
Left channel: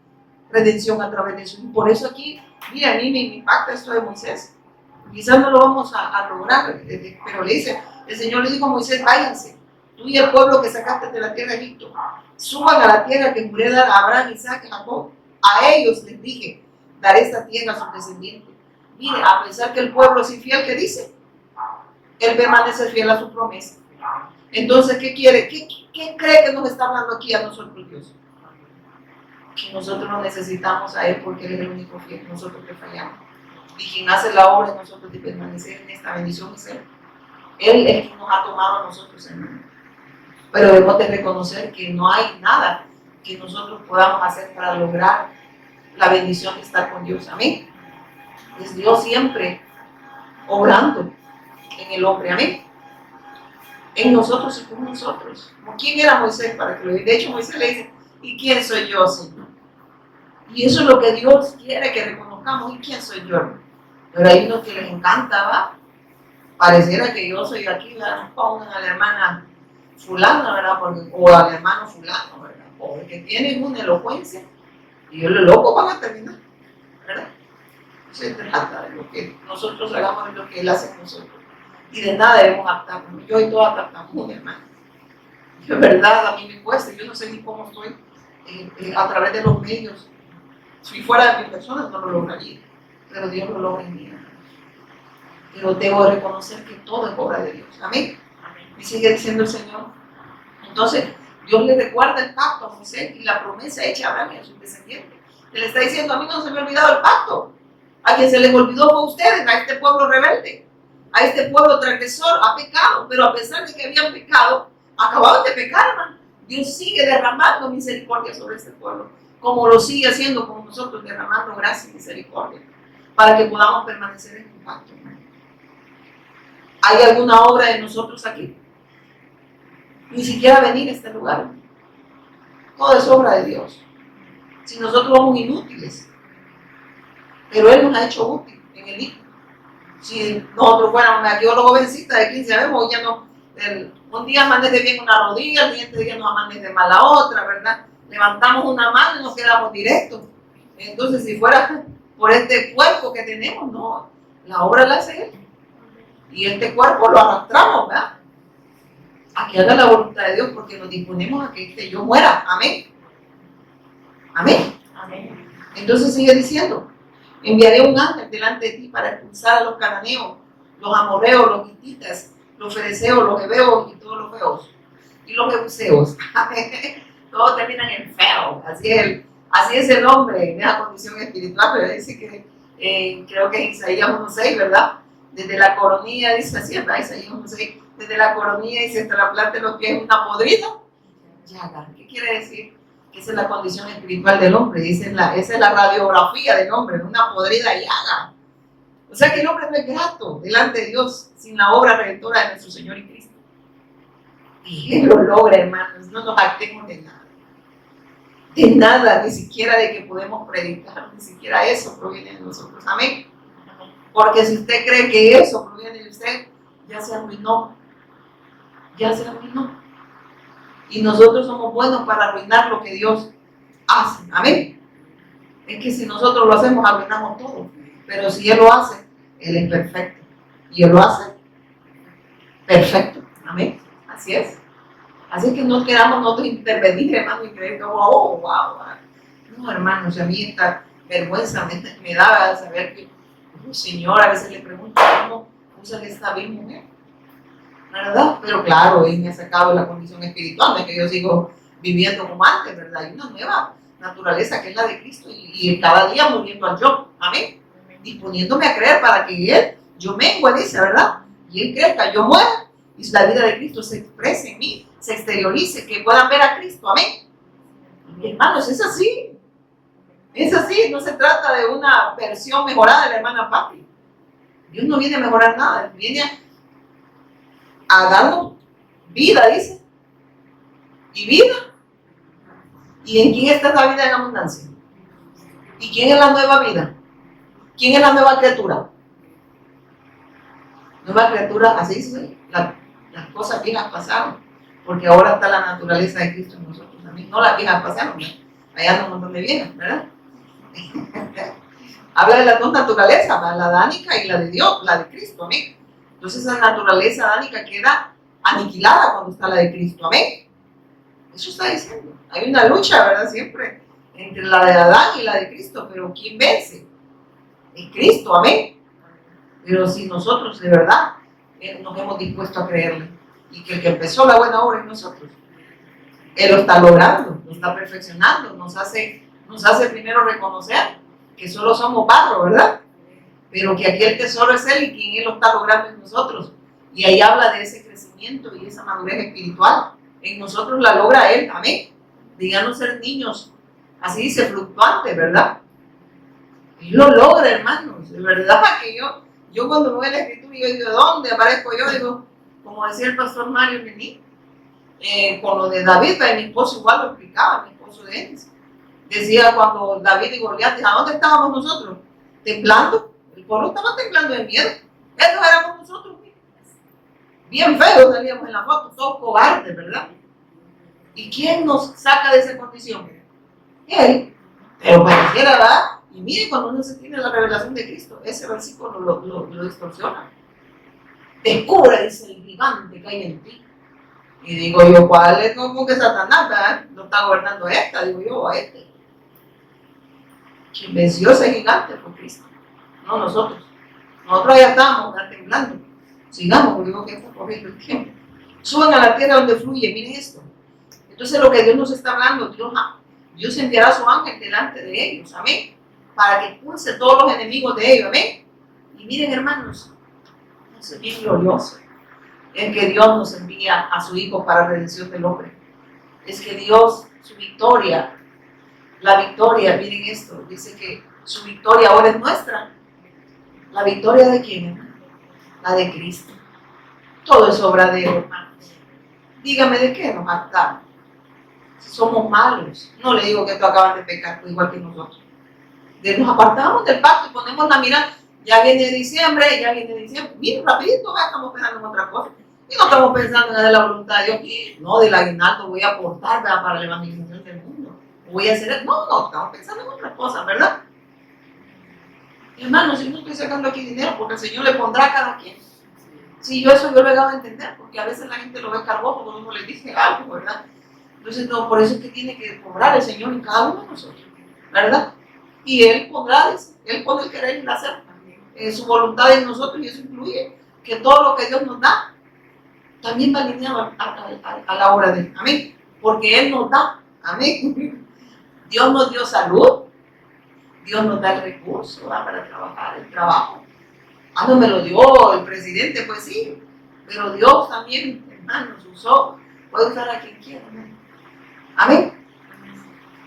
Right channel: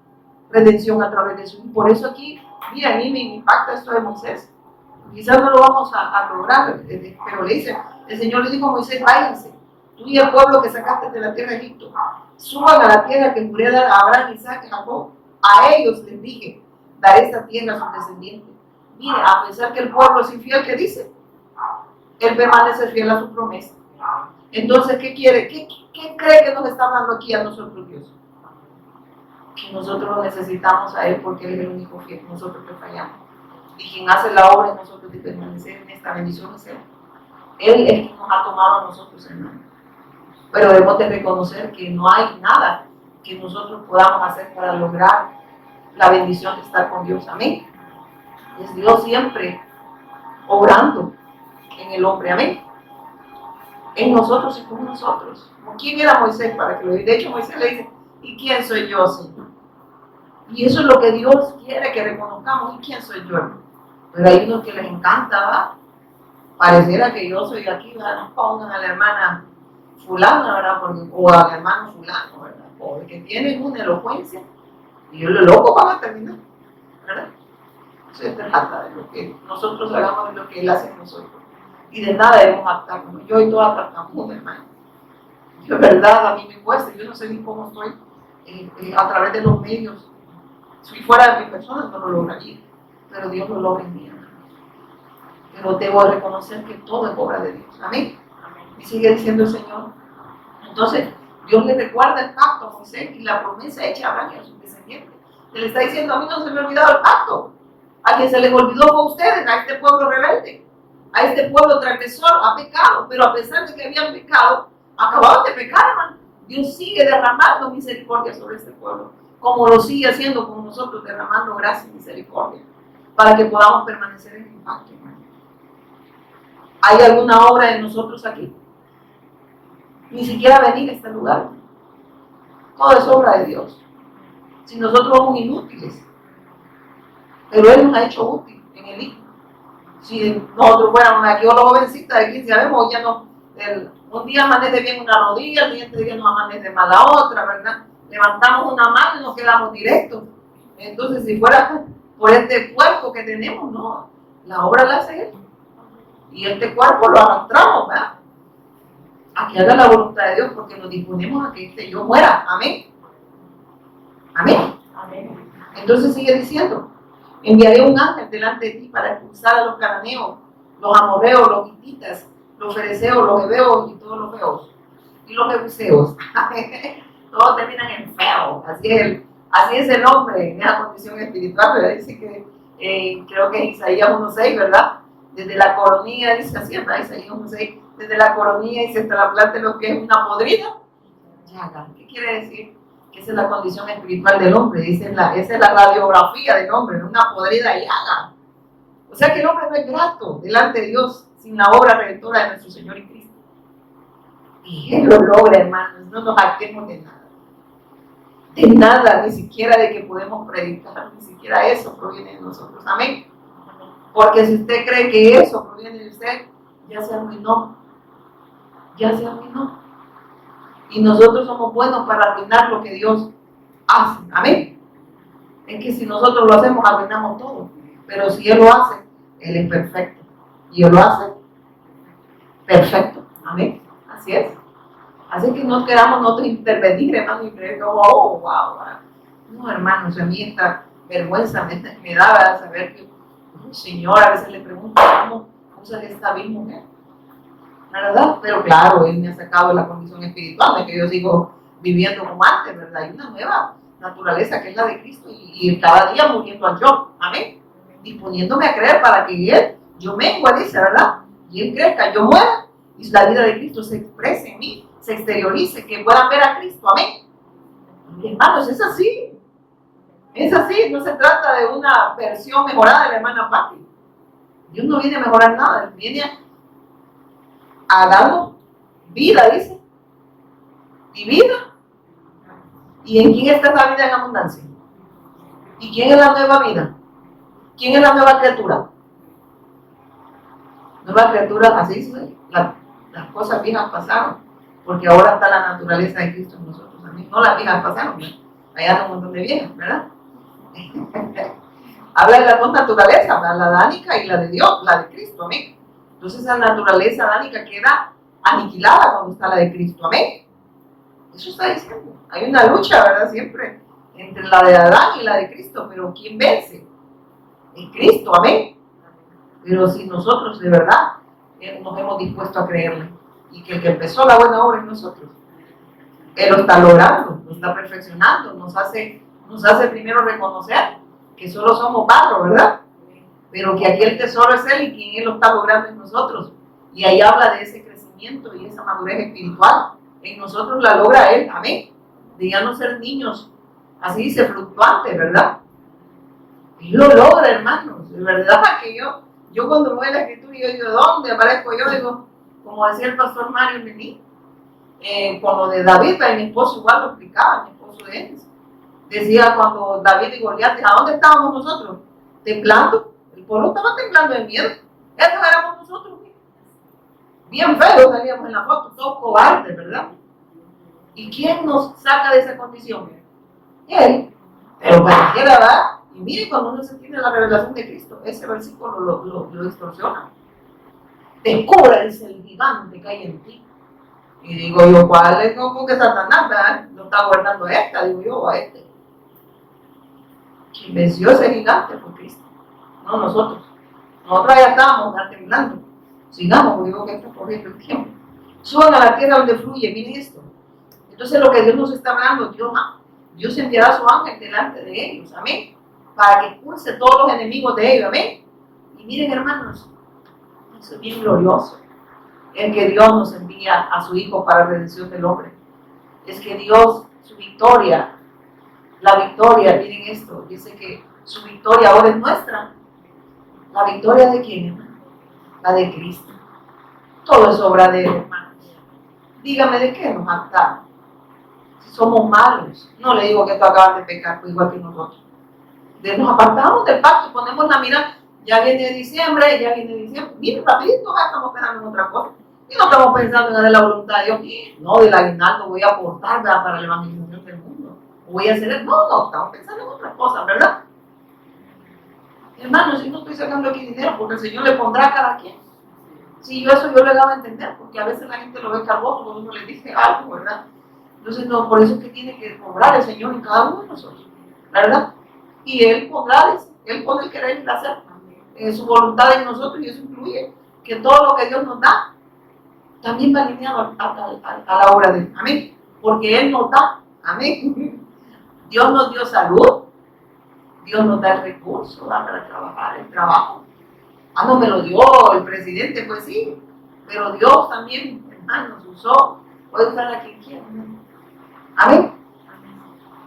redención a través de eso. Y por eso aquí, mira, a mí me impacta esto de Moisés. Quizás no lo vamos a lograr, pero le dice, el Señor le dijo a Moisés, váyanse, tú y el pueblo que sacaste de la tierra de Egipto, suban a la tierra que juré dar a Abraham, Isaac y Jacob. A ellos les dije, daré esta tierra a sus descendientes. Mire, a pesar que el pueblo es infiel, ¿qué dice? Él permanece fiel a su promesa. Entonces, ¿qué quiere? ¿Qué cree que nos está hablando aquí a nosotros, Dios? Que nosotros lo necesitamos a Él, porque Él es el único fiel, nosotros que fallamos. Y quien hace la obra de nosotros de permanecer en esta bendición es Él. Él es quien nos ha tomado a nosotros, hermano. Pero debemos de reconocer que no hay nada que nosotros podamos hacer para lograr la bendición de estar con Dios. Amén. Es Dios siempre obrando en el hombre. Amén. En nosotros y con nosotros. ¿Quién era Moisés para que lo diga? De hecho, Moisés le dice, ¿y quién soy yo, Señor? Y eso es lo que Dios quiere que reconozcamos. ¿Y quién soy yo? Pero hay unos que les encanta, ¿va? Pareciera que yo soy aquí, ¿verdad? Pongan a la hermana fulana, ¿verdad? O al hermano fulano, ¿verdad? Porque tienen una elocuencia y yo lo loco van a terminar, ¿verdad? Se trata de lo que nosotros hagamos, de lo que Él hace en nosotros. Y de nada debemos adaptarnos. Yo soy toda tartamuda, hermano. Yo, en verdad, a mí me cuesta. Yo no sé ni cómo estoy a través de los medios. Si fuera de mi persona no lo lograría. Pero Dios lo logra en mí, hermano. Pero debo reconocer que todo es obra de Dios. Amén. Y sigue diciendo el Señor. Entonces, Dios le recuerda el pacto a Moisés y la promesa hecha a Abraham y a sus descendientes. Él está diciendo, a mí no se me ha olvidado el pacto. A quien se les olvidó fue a ustedes, a este pueblo rebelde, a este pueblo transgresor, ha pecado. Pero a pesar de que habían pecado, acababan de pecar, hermano. Dios sigue derramando misericordia sobre este pueblo, como lo sigue haciendo con nosotros, derramando gracia y misericordia, para que podamos permanecer en el pacto, hermano. ¿Hay alguna obra de nosotros aquí? Ni siquiera venir a este lugar. Todo es obra de Dios. Si nosotros somos inútiles, pero Él nos ha hecho útil en el Hijo. Si nosotros fuéramos aquí, los jovencitas de 15 años, ya no, un día amanece bien una rodilla, el siguiente día nos amanece mal la otra, ¿verdad? Levantamos una mano y nos quedamos directos. Entonces, si fuera por este cuerpo que tenemos, no, la obra la hace Él. Y este cuerpo lo arrastramos, ¿verdad? A que haga la voluntad de Dios, porque nos disponemos a que este yo muera. Amén. Amén. Amén. Entonces sigue diciendo, enviaré un ángel delante de ti para expulsar a los cananeos, los amorreos, los hititas, los fereceos, los heveos y todos los feos. Y los jebuseos. Todos terminan en feo. Así es el hombre en esa condición espiritual. Pero dice que, creo que es Isaías 1.6, ¿verdad? Desde la coronilla, dice así, ¿verdad? Isaías 1.6. Desde la coronilla dice hasta la planta de los pies una podrida. llaga. ¿Qué quiere decir? Que esa es la condición espiritual del hombre, esa es la radiografía del hombre, una podrida llaga. O sea que el hombre no es grato delante de Dios sin la obra redentora de nuestro Señor y Cristo. Y Él lo logra, hermanos, no nos jactemos de nada. De nada, ni siquiera de que podemos predicar, ni siquiera eso proviene de nosotros. Amén. Porque si usted cree que eso proviene de usted, ya se arruinó. Ya se arruinó. Y nosotros somos buenos para arruinar lo que Dios hace. Amén. Es que si nosotros lo hacemos, arruinamos todo. Pero si Él lo hace, Él es perfecto. Y Él lo hace perfecto. Amén. Así es. Así que no queramos nosotros intervenir, hermano, y creer que, oh, wow. No, hermanos, a mí esta vergüenza me da saber que el Señor a veces le pregunta cómo se le está bien, mujer. ¿Verdad? Pero claro, Él me ha sacado la condición espiritual, de que yo sigo viviendo como antes, ¿verdad? Hay una nueva naturaleza que es la de Cristo y cada día muriendo al yo. Amén. Disponiéndome a creer para que yo mengua, dice, ¿verdad? Y Él crezca, yo muera y la vida de Cristo se exprese en mí, se exteriorice, que puedan ver a Cristo. Amén. Y hermanos, es así. Es así, no se trata de una versión mejorada de la hermana Patti. Dios no viene a mejorar nada, Él viene a darnos vida, dice. Y vida. ¿Y en quién está esa vida en abundancia? ¿Y quién es la nueva vida? ¿Quién es la nueva criatura? Nueva criatura, así dice, las cosas viejas pasaron, porque ahora está la naturaleza de Cristo en nosotros también. No las viejas pasaron, ¿verdad? Allá hay un montón de viejas, ¿verdad? Habla de las dos naturalezas, la adánica y la de Dios, la de Cristo, amén. Entonces esa naturaleza adánica queda aniquilada cuando está la de Cristo, amén. Eso está diciendo. Hay una lucha, ¿verdad? Siempre entre la de Adán y la de Cristo, pero ¿quién vence? Es Cristo, amén. Pero si nosotros de verdad nos hemos dispuesto a creerle y que el que empezó la buena obra es nosotros, Él lo está logrando, lo está perfeccionando, nos hace primero reconocer que solo somos barro, ¿verdad? Pero que aquí el tesoro es Él y quien Él lo está logrando en nosotros. Y ahí habla de ese crecimiento y esa madurez espiritual. En nosotros la logra Él, amén. De ya no ser niños, así dice, fluctuantes, ¿verdad? Él lo logra, hermanos. De verdad que yo cuando voy a la escritura, yo digo, ¿dónde aparezco yo? Digo, como decía el pastor Mario Mení, con lo de David, mi esposo igual lo explicaba, mi esposo de él. Decía cuando David y Goliat, ¿a dónde estábamos nosotros? Temblando. El pueblo estaba temblando de miedo. Esos éramos nosotros. Bien feos salíamos en la foto, todos cobardes, ¿verdad? ¿Y quién nos saca de esa condición? Él. Pero pareciera, ¿verdad? Y mire, cuando uno se tiene la revelación de Cristo, ese versículo lo distorsiona. Descubre, dice, el gigante que hay en ti. Y digo yo, ¿cuál es? Como que Satanás, ¿verdad? No está gobernando esta, digo yo, a este. Quien venció ese gigante fue Cristo, no nosotros. Nosotros ya estábamos temblando. Sigamos, porque digo que está corriendo el tiempo. Suban a la tierra donde fluye, miren esto. Entonces lo que Dios nos está hablando, Dios enviará a su ángel delante de ellos, amén, para que expulse todos los enemigos de ellos, amén. Y miren, hermanos, eso es bien glorioso, el que Dios nos envía a su Hijo para la redención del hombre. Es que Dios, su victoria, la victoria, miren esto, dice que su victoria ahora es nuestra. ¿La victoria de quién, hermano? La de Cristo. Todo es obra de Él, hermanos. Dígame, ¿de qué nos hartamos? Si somos malos, no le digo que tú acabas de pecar, pues igual que nosotros. Nos apartamos del pacto y ponemos la mirada. Ya viene diciembre. Miren, rapidito, ya estamos pensando en otra cosa. Y no estamos pensando en la voluntad de Dios. No, del aguinaldo voy a aportar, ¿verdad?, para la evangelización del mundo. Voy a hacer. No, estamos pensando en otras cosas, ¿verdad? Hermanos, si no estoy sacando aquí dinero, porque el Señor le pondrá a cada quien. Sí, yo lo he dado a entender, porque a veces la gente lo ve cargoso cuando uno le dice algo, ¿verdad? Entonces, no, por eso es que tiene que cobrar el Señor en cada uno de nosotros, ¿verdad? Y Él pondrá, Él pone el querer y el hacer, su voluntad en nosotros, y eso incluye que todo lo que Dios nos da también va alineado a la obra de Él, amén, porque Él nos da, amén. Dios nos dio salud, Dios nos da el recurso para trabajar, el trabajo. No me lo dio el presidente, pues sí, pero Dios también, hermanos, puede usar a quien quiera, ¿no? Amén.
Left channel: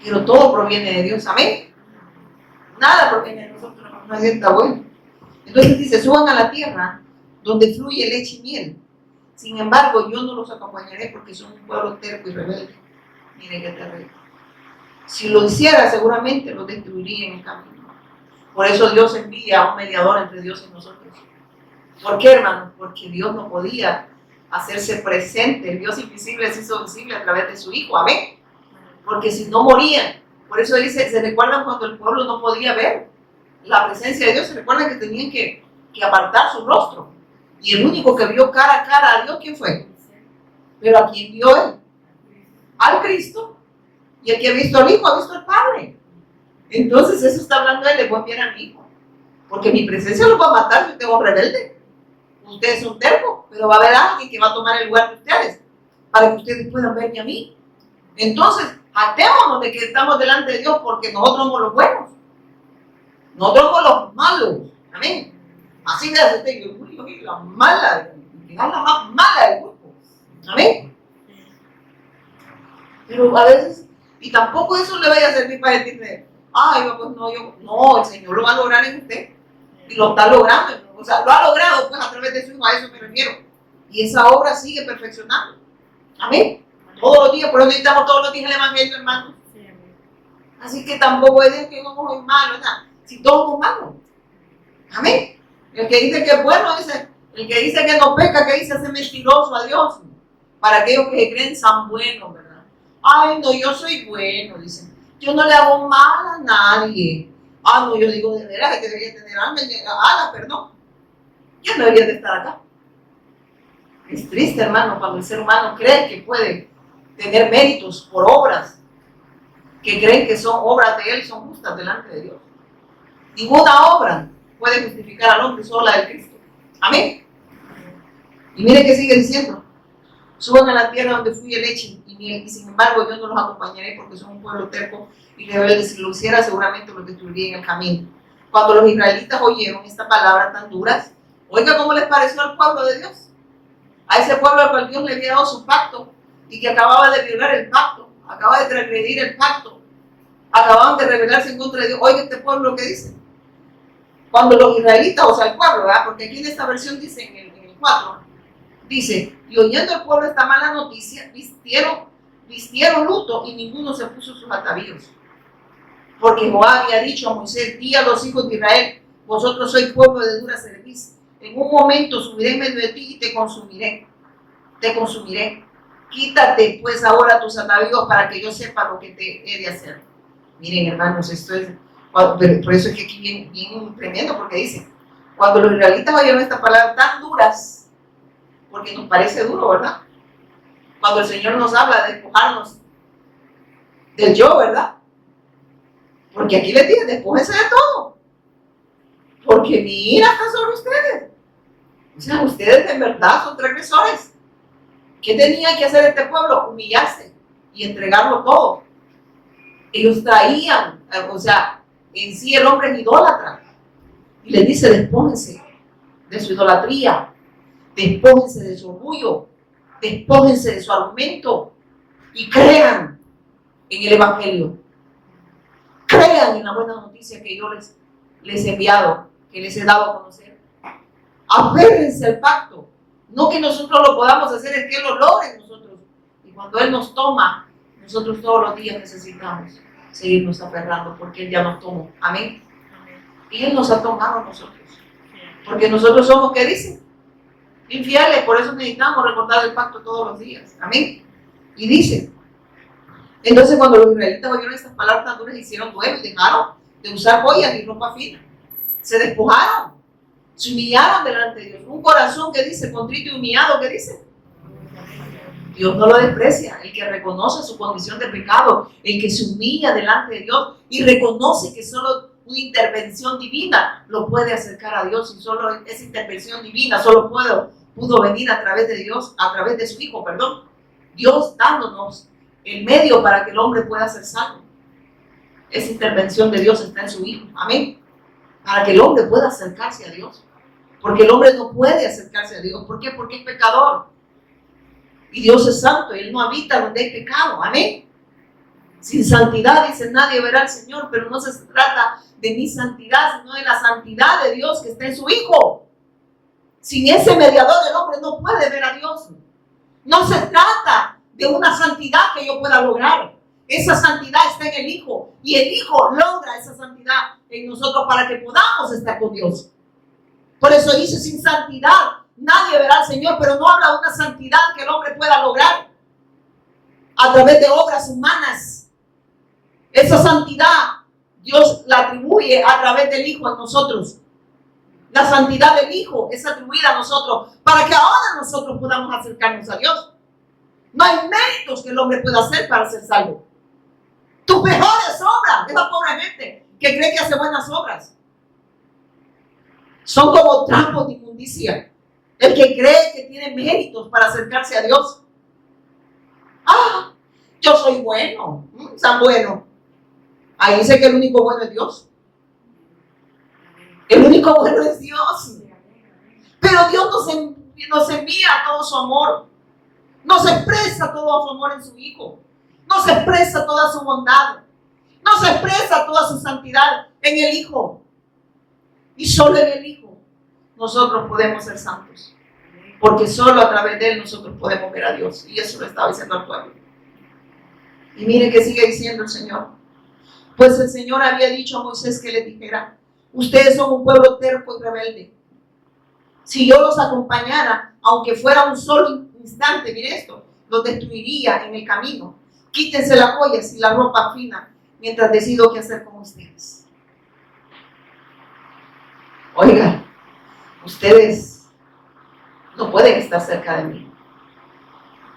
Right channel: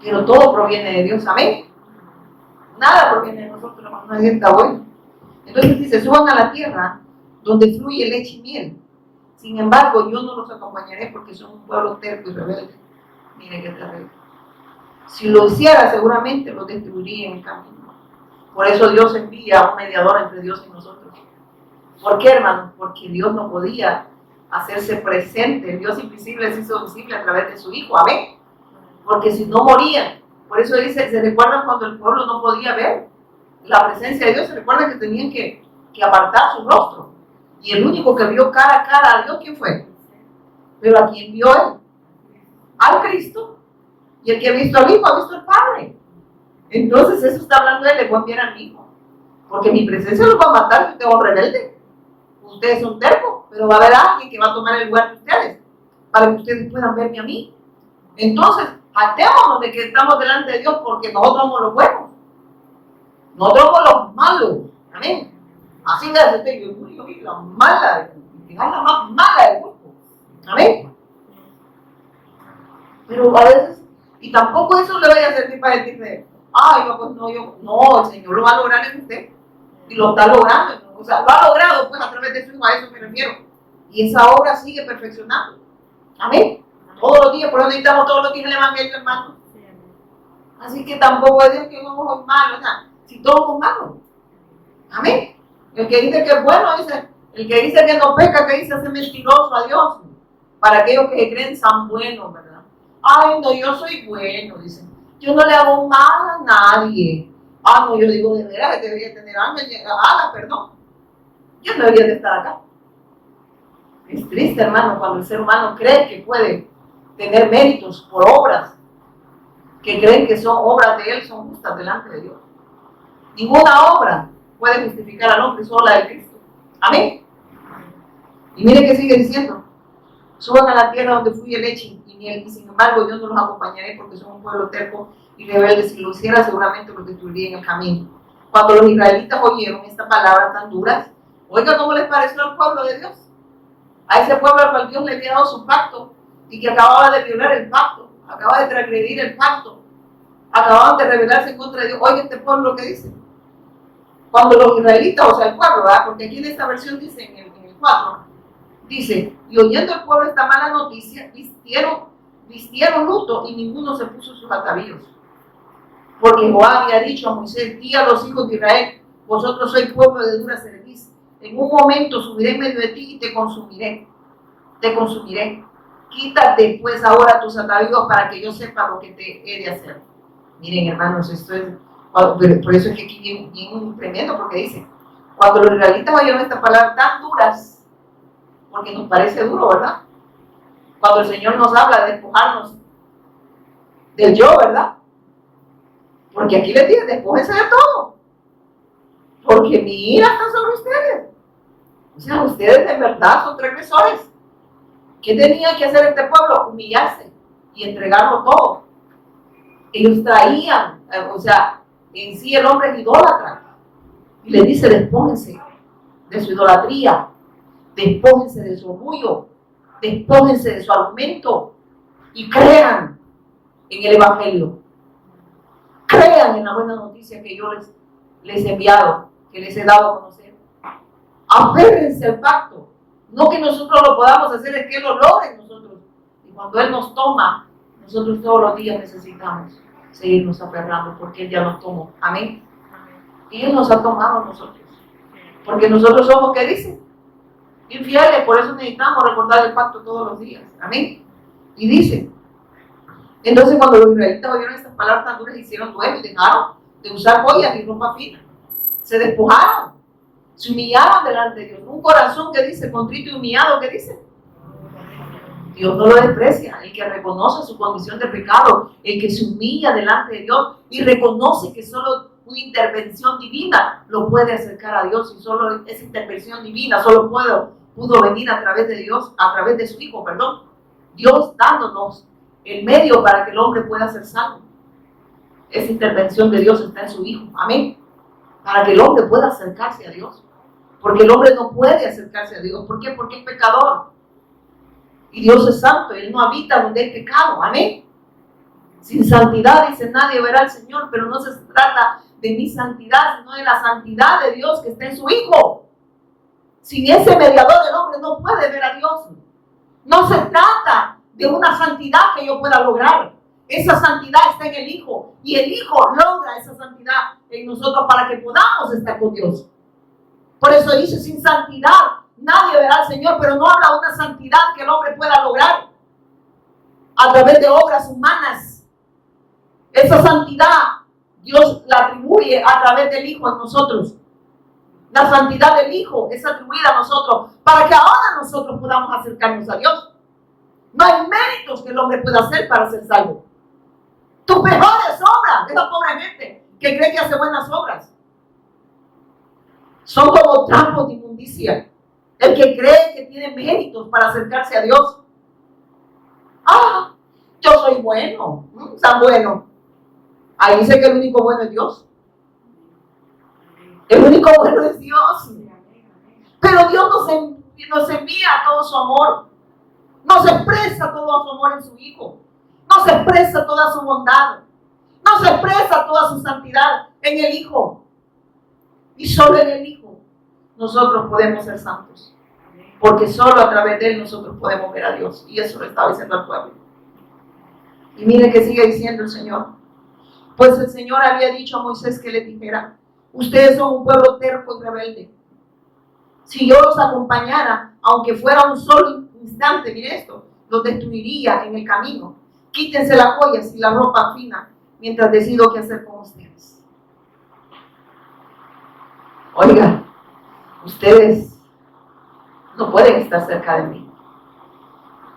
Pero todo proviene de Dios. Amén. Nada proviene de nosotros, no está bueno. Entonces dice, suban a la tierra donde fluye leche y miel. Sin embargo, yo no los acompañaré porque son un pueblo terco y rebelde. Miren qué terrible. Si lo hiciera, seguramente los destruiría en el camino. Por eso Dios envía a un mediador entre Dios y nosotros. ¿Por qué, hermanos? Porque Dios no podía hacerse presente. El Dios invisible se hizo visible a través de su Hijo. Amén. Porque si no morían. Por eso dice, ¿se recuerdan cuando el pueblo no podía ver la presencia de Dios? ¿Se recuerdan que tenían que apartar su rostro? Y el único que vio cara a cara a Dios, ¿quién fue? Pero ¿a quién vio él? Al Cristo. Y el que ha visto al Hijo ha visto al Padre. Entonces eso está hablando de voy a enviar a mi Hijo. Porque mi presencia los va a matar si ustedes son rebeldes. Ustedes son tercos, pero va a haber alguien que va a tomar el lugar de ustedes para que ustedes puedan verme a mí. Entonces, jactémonos de que estamos delante de Dios porque nosotros somos los buenos. Nosotros somos los malos. Amén. Así de hace yo soy la mala, es la más mala del grupo. Amén. Pero a veces, y tampoco eso le vaya a servir para decirle, ay, pues no, el Señor lo va a lograr en usted. Y lo está logrando. O sea, lo ha logrado pues a través de su Hijo, a eso me refiero. Y esa obra sigue perfeccionando. Amén. Todos los días, por eso necesitamos todos los días el Evangelio, hermano. Así que tampoco es Dios que somos muy malos, o sea, si todos somos malos. Amén. El que dice que es bueno, dice, el que dice que no peca, que dice hace mentiroso a Dios. Para aquellos que creen son buenos, ¿verdad? Ay, no, yo soy bueno, dicen. Yo no le hago mal a nadie. Ah, no, yo digo de veras que debería tener alas, perdón. Yo no debería de estar acá. Es triste, hermano, cuando el ser humano cree que puede tener méritos por obras que creen que son obras de él, son justas delante de Dios. Ninguna obra puede justificar al hombre, solo la de Cristo. Amén. Y mire que sigue diciendo, suban a la tierra donde fluye leche y miel, y sin embargo yo no los acompañaré porque son un pueblo terco y rebelde. Si lo hiciera, seguramente los destruiría en el camino. Cuando los israelitas oyeron estas palabras tan duras, oiga cómo les pareció al pueblo de Dios, a ese pueblo al cual Dios le había dado su pacto y que acababa de violar el pacto, acaba de transgredir el pacto, acababan de rebelarse en contra de Dios. Oiga este pueblo que dice, cuando los israelitas, o sea el pueblo, ¿verdad? Porque aquí en esta versión dice en el 4, dice, y oyendo el pueblo esta mala noticia, vistieron luto y ninguno se puso sus atavíos. Porque Jehová había dicho a Moisés, di a los hijos de Israel, vosotros sois pueblo de dura cerviz. En un momento subiré en medio de ti y te consumiré. Quítate pues ahora tus atavíos para que yo sepa lo que te he de hacer. Miren, hermanos, esto es, por eso es que aquí viene tremendo, porque dice, cuando los israelitas oyeron estas palabras tan duras, porque nos parece duro, ¿verdad? Cuando el Señor nos habla de despojarnos del yo, ¿verdad? Porque aquí les dice, despójense de todo. Porque mi ira está sobre ustedes. O sea, ustedes de verdad son transgresores. ¿Qué tenía que hacer este pueblo? Humillarse y entregarlo todo. Ellos traían, o sea, en sí el hombre es idólatra. Y les dice, despójense de su idolatría, despójense de su orgullo, despójense de su argumento y crean en el Evangelio. Crean en la buena noticia que yo les he enviado, que les he dado a conocer. Aférrense al pacto. No que nosotros lo podamos hacer, es que Él lo logre en nosotros. Y cuando Él nos toma, nosotros todos los días necesitamos seguirnos aferrando porque Él ya nos tomó. Amén. Y Él nos ha tomado a nosotros. Porque nosotros somos, ¿qué dice? Infieles, por eso necesitamos recordar el pacto todos los días. Amén. Y dice, entonces cuando los israelitas oyeron estas palabras tan duras, hicieron duelo y dejaron de usar joyas y ropa fina. Se despojaron, se humillaron delante de Dios. Un corazón que dice, contrito y humillado, ¿qué dice? Dios no lo desprecia. El que reconoce su condición de pecado, el que se humilla delante de Dios y reconoce que solo una intervención divina lo puede acercar a Dios, y solo esa intervención divina solo pudo venir a través de Dios, a través de su Hijo, perdón. Dios dándonos el medio para que el hombre pueda ser salvo. Esa intervención de Dios está en su Hijo. Amén. Para que el hombre pueda acercarse a Dios. Porque el hombre no puede acercarse a Dios. ¿Por qué? Porque es pecador. Y Dios es santo y Él no habita donde hay pecado. Amén. Sin santidad, dice, nadie verá al Señor, pero no se trata de mi santidad, sino de la santidad de Dios que está en su Hijo. Sin ese mediador el hombre no puede ver a Dios. No se trata de una santidad que yo pueda lograr. Esa santidad está en el Hijo. Y el Hijo logra esa santidad en nosotros para que podamos estar con Dios. Por eso dice, sin santidad nadie verá al Señor, pero no habla de una santidad que el hombre pueda lograr a través de obras humanas. Esa santidad Dios la atribuye a través del Hijo en nosotros. La santidad del Hijo es atribuida a nosotros para que ahora nosotros podamos acercarnos a Dios. No hay méritos que el hombre pueda hacer para ser salvo. Tus mejores obras, esa pobre gente que cree que hace buenas obras, son como trapos de inmundicia. El que cree que tiene méritos para acercarse a Dios. Yo soy bueno, tan bueno. Ahí dice que el único bueno es Dios. El único bueno es Dios. Pero Dios nos envía todo su amor. Nos expresa todo su amor en su Hijo. Nos expresa toda su bondad. Nos expresa toda su santidad en el Hijo. Y solo en el Hijo nosotros podemos ser santos. Porque solo a través de Él nosotros podemos ver a Dios. Y eso lo estaba diciendo al pueblo. Y mire que sigue diciendo el Señor. Pues el Señor había dicho a Moisés que le dijera: ustedes son un pueblo terco y rebelde. Si yo los acompañara, aunque fuera un solo instante, mire esto, los destruiría en el camino. Quítense las joyas y la ropa fina mientras decido qué hacer con ustedes. Oiga, ustedes no pueden estar cerca de mí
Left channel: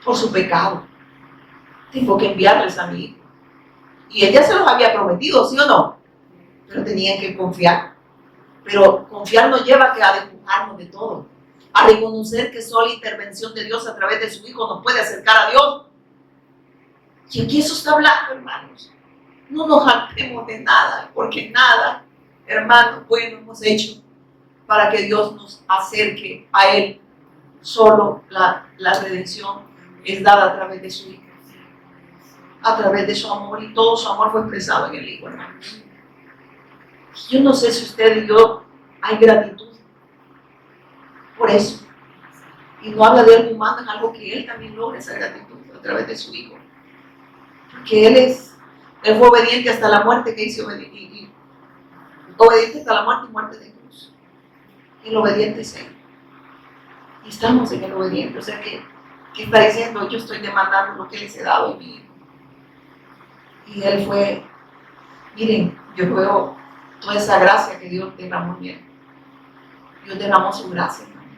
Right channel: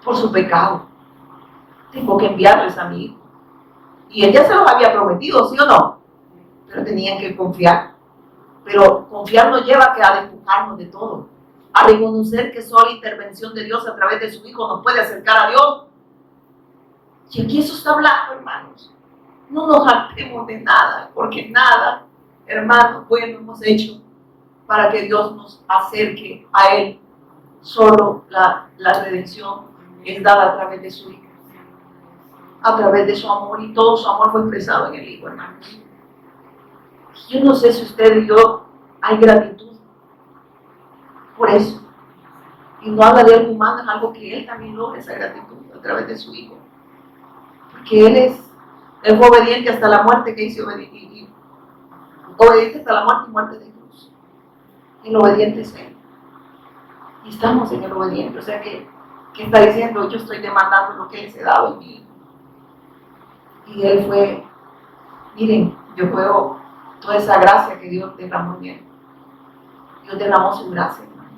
por su pecado. Tengo que enviarles a mi Hijo. Y ella se los había prometido, ¿sí o no? Pero tenían que confiar. Pero confiar nos lleva a despojarnos de todo, a reconocer que solo la intervención de Dios a través de su Hijo nos puede acercar a Dios. Y aquí eso está hablando, hermanos. No nos jactemos de nada, porque nada, hermanos, bueno hemos hecho para que Dios nos acerque a Él. Solo la redención es dada a través de su Hijo, a través de su amor, y todo su amor fue expresado en el Hijo, hermanos. Yo no sé si usted y yo hay gratitud por eso. Y no habla de algo humano, es algo que Él también logra, esa gratitud a través de su Hijo. Porque Él fue obediente hasta la muerte, que hizo obediente hasta la muerte y muerte de cruz. El obediente es Él. Y estamos en el obediente. O sea que está diciendo: yo estoy demandando lo que les he dado en mi Hijo. Y Él fue, miren, yo veo toda esa gracia que Dios derramó en Él. Dios derramó su gracia, hermano.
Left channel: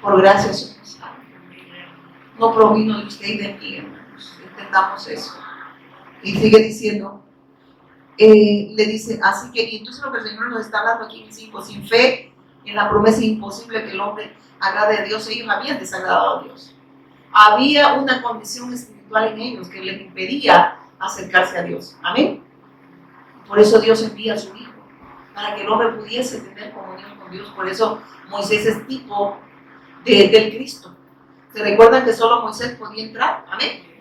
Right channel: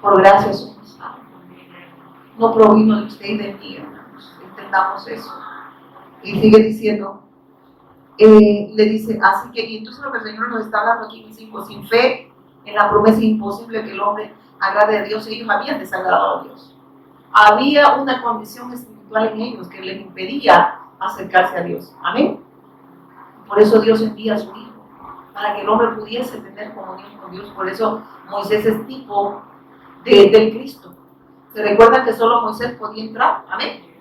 Por gracia somos salvos. No provino de usted y de mí, hermanos. Entendamos eso. Y sigue diciendo, le dice, así que, y entonces lo que el Señor nos está hablando aquí, mis hijos, sin fe en la promesa imposible que el hombre agrade a Dios. Ellos habían desagradado a Dios. Había una condición espiritual en ellos que les impedía acercarse a Dios. Amén. Por eso Dios envía a su Hijo, para que el hombre pudiese tener comunión con Dios. Por eso Moisés es tipo del Cristo. ¿Se recuerdan que solo Moisés podía entrar? Amén.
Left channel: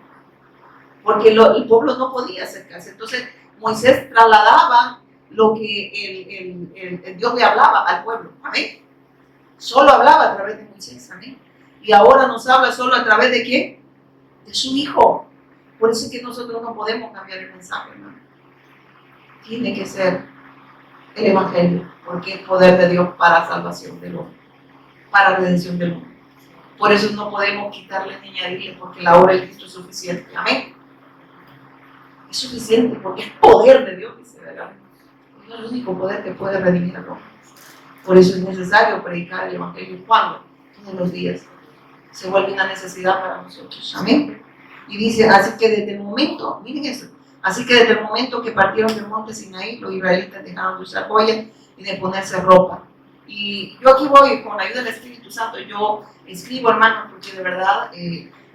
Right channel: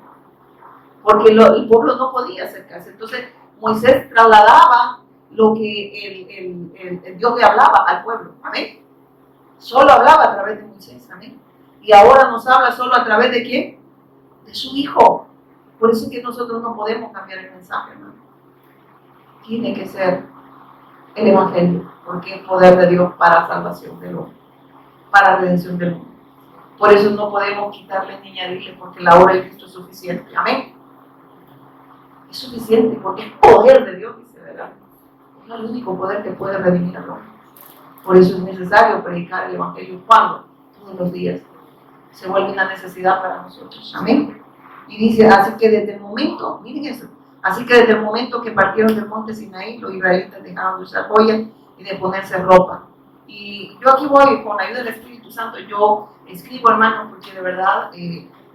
Porque el pueblo no podía acercarse. Entonces Moisés trasladaba lo que el Dios le hablaba al pueblo. Amén. Solo hablaba a través de Moisés. Amén. Y ahora nos habla solo a través de ¿quién? De su Hijo. Por eso es que nosotros no podemos cambiar el mensaje, hermano. Tiene que ser el Evangelio, porque es poder de Dios para salvación del hombre, para redención del mundo. Por eso no podemos quitarle ni añadirle, porque la obra de Cristo es suficiente. Amén. Es suficiente porque es poder de Dios, dice, ¿verdad? Es el único poder que puede redimir al hombre. Por eso es necesario predicar el Evangelio. ¿Cuándo? Todos los días. Se vuelve una necesidad para nosotros. Amén. Y dice, así que desde el momento, miren eso, así que desde el momento que partieron del monte Sinaí, los israelitas dejaron de usar joyas y de ponerse ropa. Y yo aquí voy, con la ayuda del Espíritu Santo, yo escribo, hermano, porque de verdad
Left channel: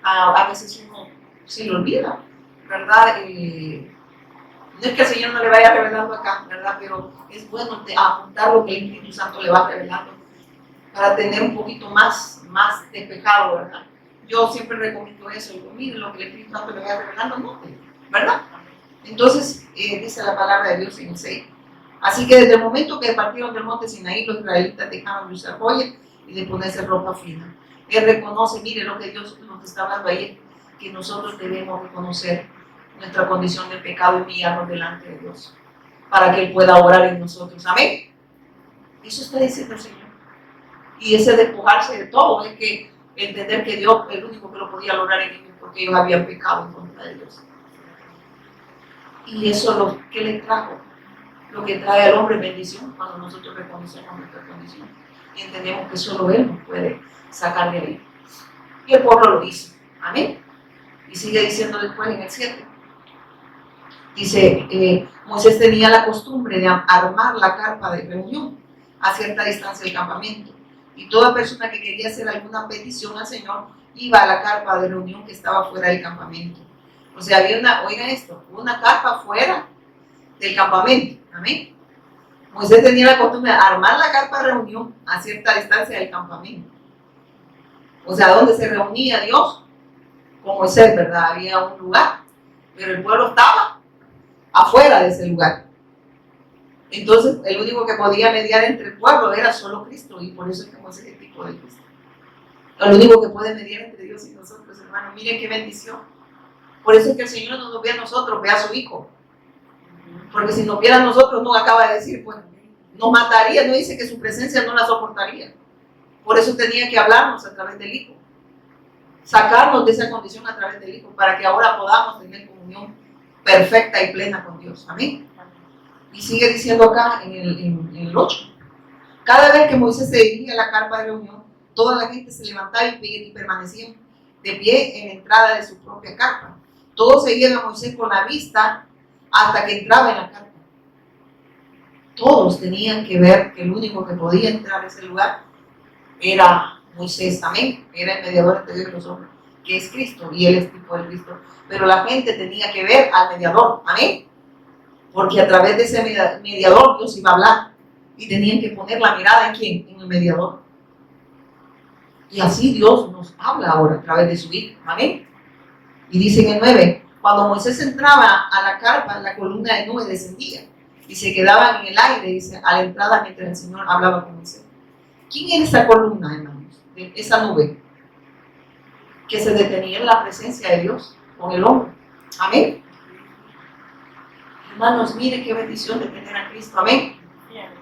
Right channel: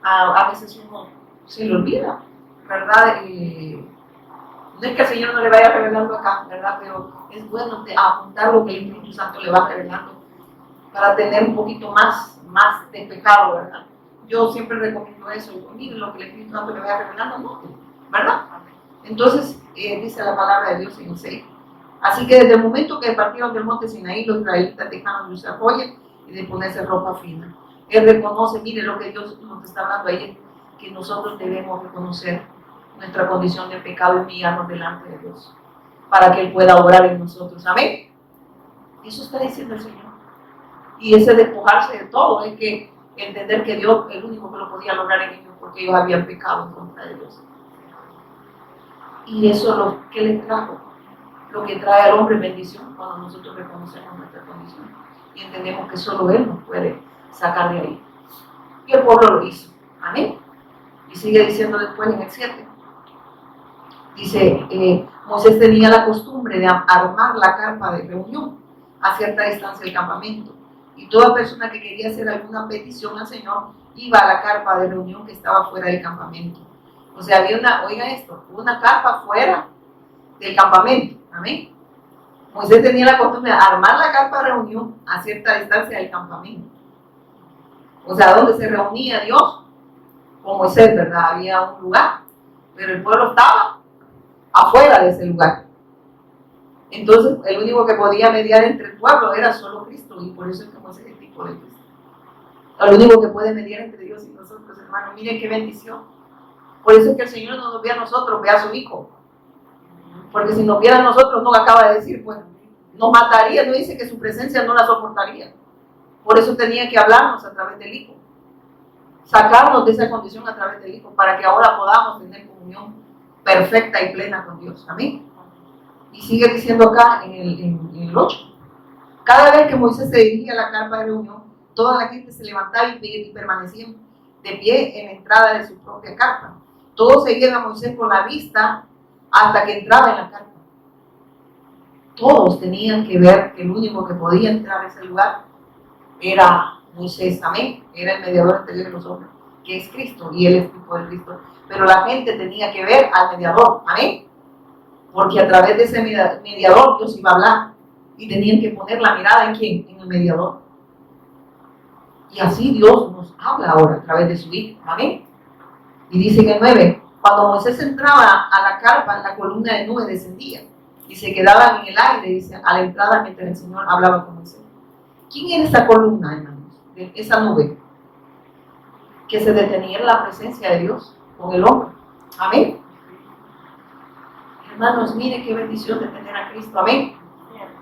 a veces uno se le olvida, ¿verdad? No es que el Señor no le vaya revelando acá, ¿verdad? Pero es bueno apuntar lo que el Espíritu Santo le va revelando para tener un poquito más despejado, ¿verdad? Yo siempre recomiendo eso. Miren lo que el Espíritu Santo le vaya revelando, ¿no? ¿Verdad? Entonces, dice la palabra de Dios en el 6. Así que desde el momento que partieron del monte Sinaí, los israelitas dejaron de usar joyas y de ponerse ropa fina. Él reconoce, mire lo que Dios nos está hablando ahí, que nosotros debemos reconocer nuestra condición de pecado y humillarnos delante de Dios, para que Él pueda orar en nosotros. Amén. Eso está diciendo el Señor. Y ese despojarse de todo es que entender que Dios es el único que lo podía lograr en ellos, porque ellos habían pecado en contra de Dios. Y eso lo que les trajo, lo que trae al hombre bendición cuando nosotros reconocemos nuestra condición y entendemos que solo Él nos puede sacar de ahí. Y el pueblo lo hizo. Amén. Y sigue diciendo después en el 7. Dice, Moisés tenía la costumbre de armar la carpa de reunión a cierta distancia del campamento. Y toda persona que quería hacer alguna petición al Señor iba a la carpa de reunión que estaba fuera del campamento. O sea, había oigan esto, una carpa fuera del campamento. Amén. Moisés tenía la costumbre de armar la carpa de reunión a cierta distancia del campamento. O sea, donde se reunía Dios con Moisés, ¿verdad? Había un lugar, pero el pueblo estaba afuera de ese lugar. Entonces, el único que podía mediar entre el pueblo era solo Cristo, y por eso es que Moisés es el tipo de Cristo. El único que puede mediar entre Dios y nosotros, hermanos. Miren qué bendición. Por eso es que el Señor no nos ve a nosotros, ve a su Hijo. Porque si nos viera a nosotros, no acaba de decir, pues, nos mataría, no dice que su presencia no la soportaría. Por eso tenía que hablarnos a través del Hijo. Sacarnos de esa condición a través del Hijo, para que ahora podamos tener comunión perfecta y plena con Dios. Amén. Y sigue diciendo acá en el 8. Cada vez que Moisés se dirigía a la carpa de reunión, toda la gente se levantaba y permanecía de pie en la entrada de su propia carpa. Todos seguían a Moisés con la vista hasta que entraba en la carpa. Todos tenían que ver que el único que podía entrar a ese lugar era Moisés. Amén. Era el mediador entre Dios y los hombres, que es Cristo, y Él es tipo de Cristo. Pero la gente tenía que ver al mediador. Amén. Porque a través de ese mediador Dios iba a hablar. Y tenían que poner la mirada ¿en quién? En el mediador. Y así Dios nos habla ahora a través de su Hijo. Amén. Y dice en el 9, cuando Moisés entraba a la carpa, la columna de nube descendía y se quedaban en el aire, dice, a la entrada mientras el Señor hablaba con Moisés. ¿Quién era esa columna, hermanos? Esa nube que se detenía en la presencia de Dios con el hombre. Amén. Hermanos, mire qué bendición de tener a Cristo. Amén.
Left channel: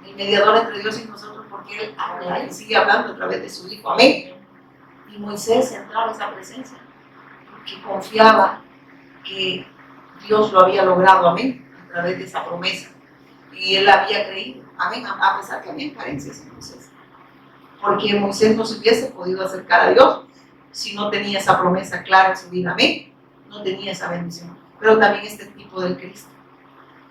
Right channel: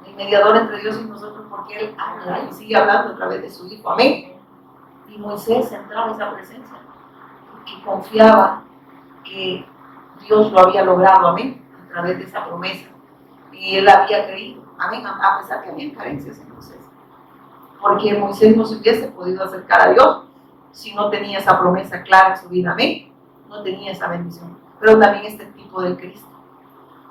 El mediador entre Dios y nosotros, porque Él habla y sigue hablando a través de su Hijo. Amén. Y Moisés entraba a esa presencia porque confiaba que Dios lo había logrado. Amén. A través de esa promesa. Y él había creído. Amén. A pesar que había carencias en Moisés. Porque Moisés no se hubiese podido acercar a Dios si no tenía esa promesa clara en su vida. Amén. No tenía esa bendición. Pero también este tipo del Cristo,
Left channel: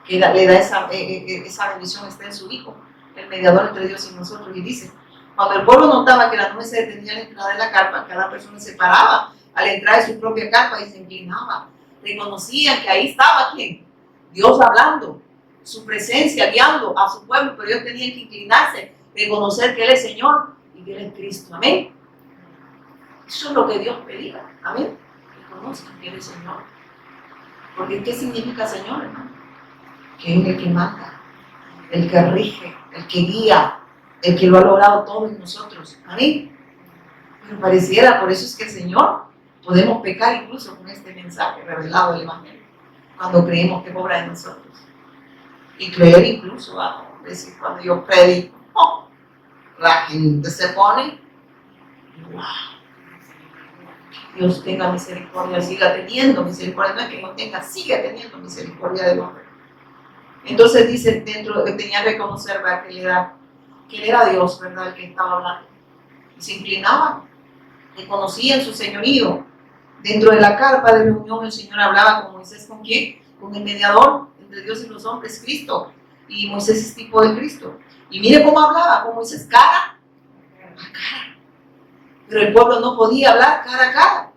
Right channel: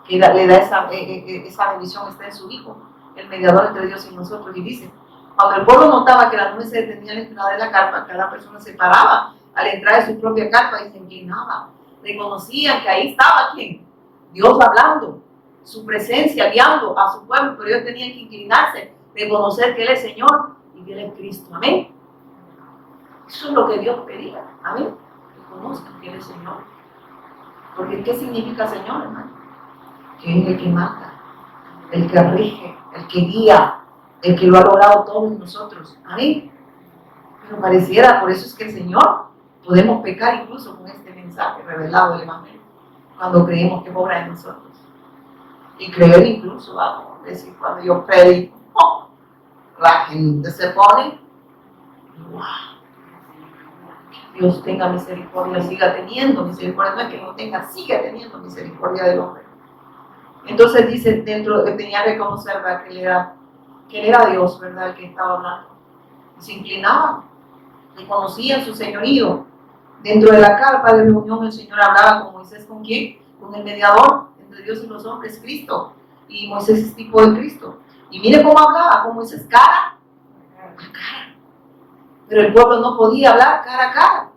que le da esa bendición, está en su Hijo, el mediador entre Dios y nosotros. Y dice, cuando el pueblo notaba que la nube se detenía a la entrada de la carpa, cada persona se paraba a la entrada de su propia carpa y se inclinaba. Reconocían que ahí estaba ¿quién? Dios hablando, su presencia guiando a su pueblo, pero ellos tenían que inclinarse, reconocer que Él es Señor y que Él es Cristo. Amén. Eso es lo que Dios pedía. Amén. Que conozcan que Él es Señor. Porque ¿qué significa Señor, hermano? Que es el que manda, el que rige, el que guía, el que lo ha logrado todo en nosotros. Amén. Pero pareciera, por eso es que el Señor, podemos pecar incluso con este mensaje revelado del Evangelio, cuando creemos que es obra de nosotros. Y creer incluso, decir, cuando yo predico, la gente se pone, wow, Dios tenga misericordia, siga teniendo misericordia, no es que no tenga, siga teniendo misericordia del hombre. Entonces dice, dentro, tenía que reconocer, ¿verdad? Que él era Dios, ¿verdad? El que estaba hablando. Y se inclinaban, reconocían su señorío. Dentro de la carpa de reunión el Señor hablaba con Moisés, ¿con quién? Con el mediador entre Dios y los hombres, Cristo. Y Moisés es tipo de Cristo. Y mire cómo hablaba con Moisés cara a cara. Pero el pueblo no podía hablar cara a cara,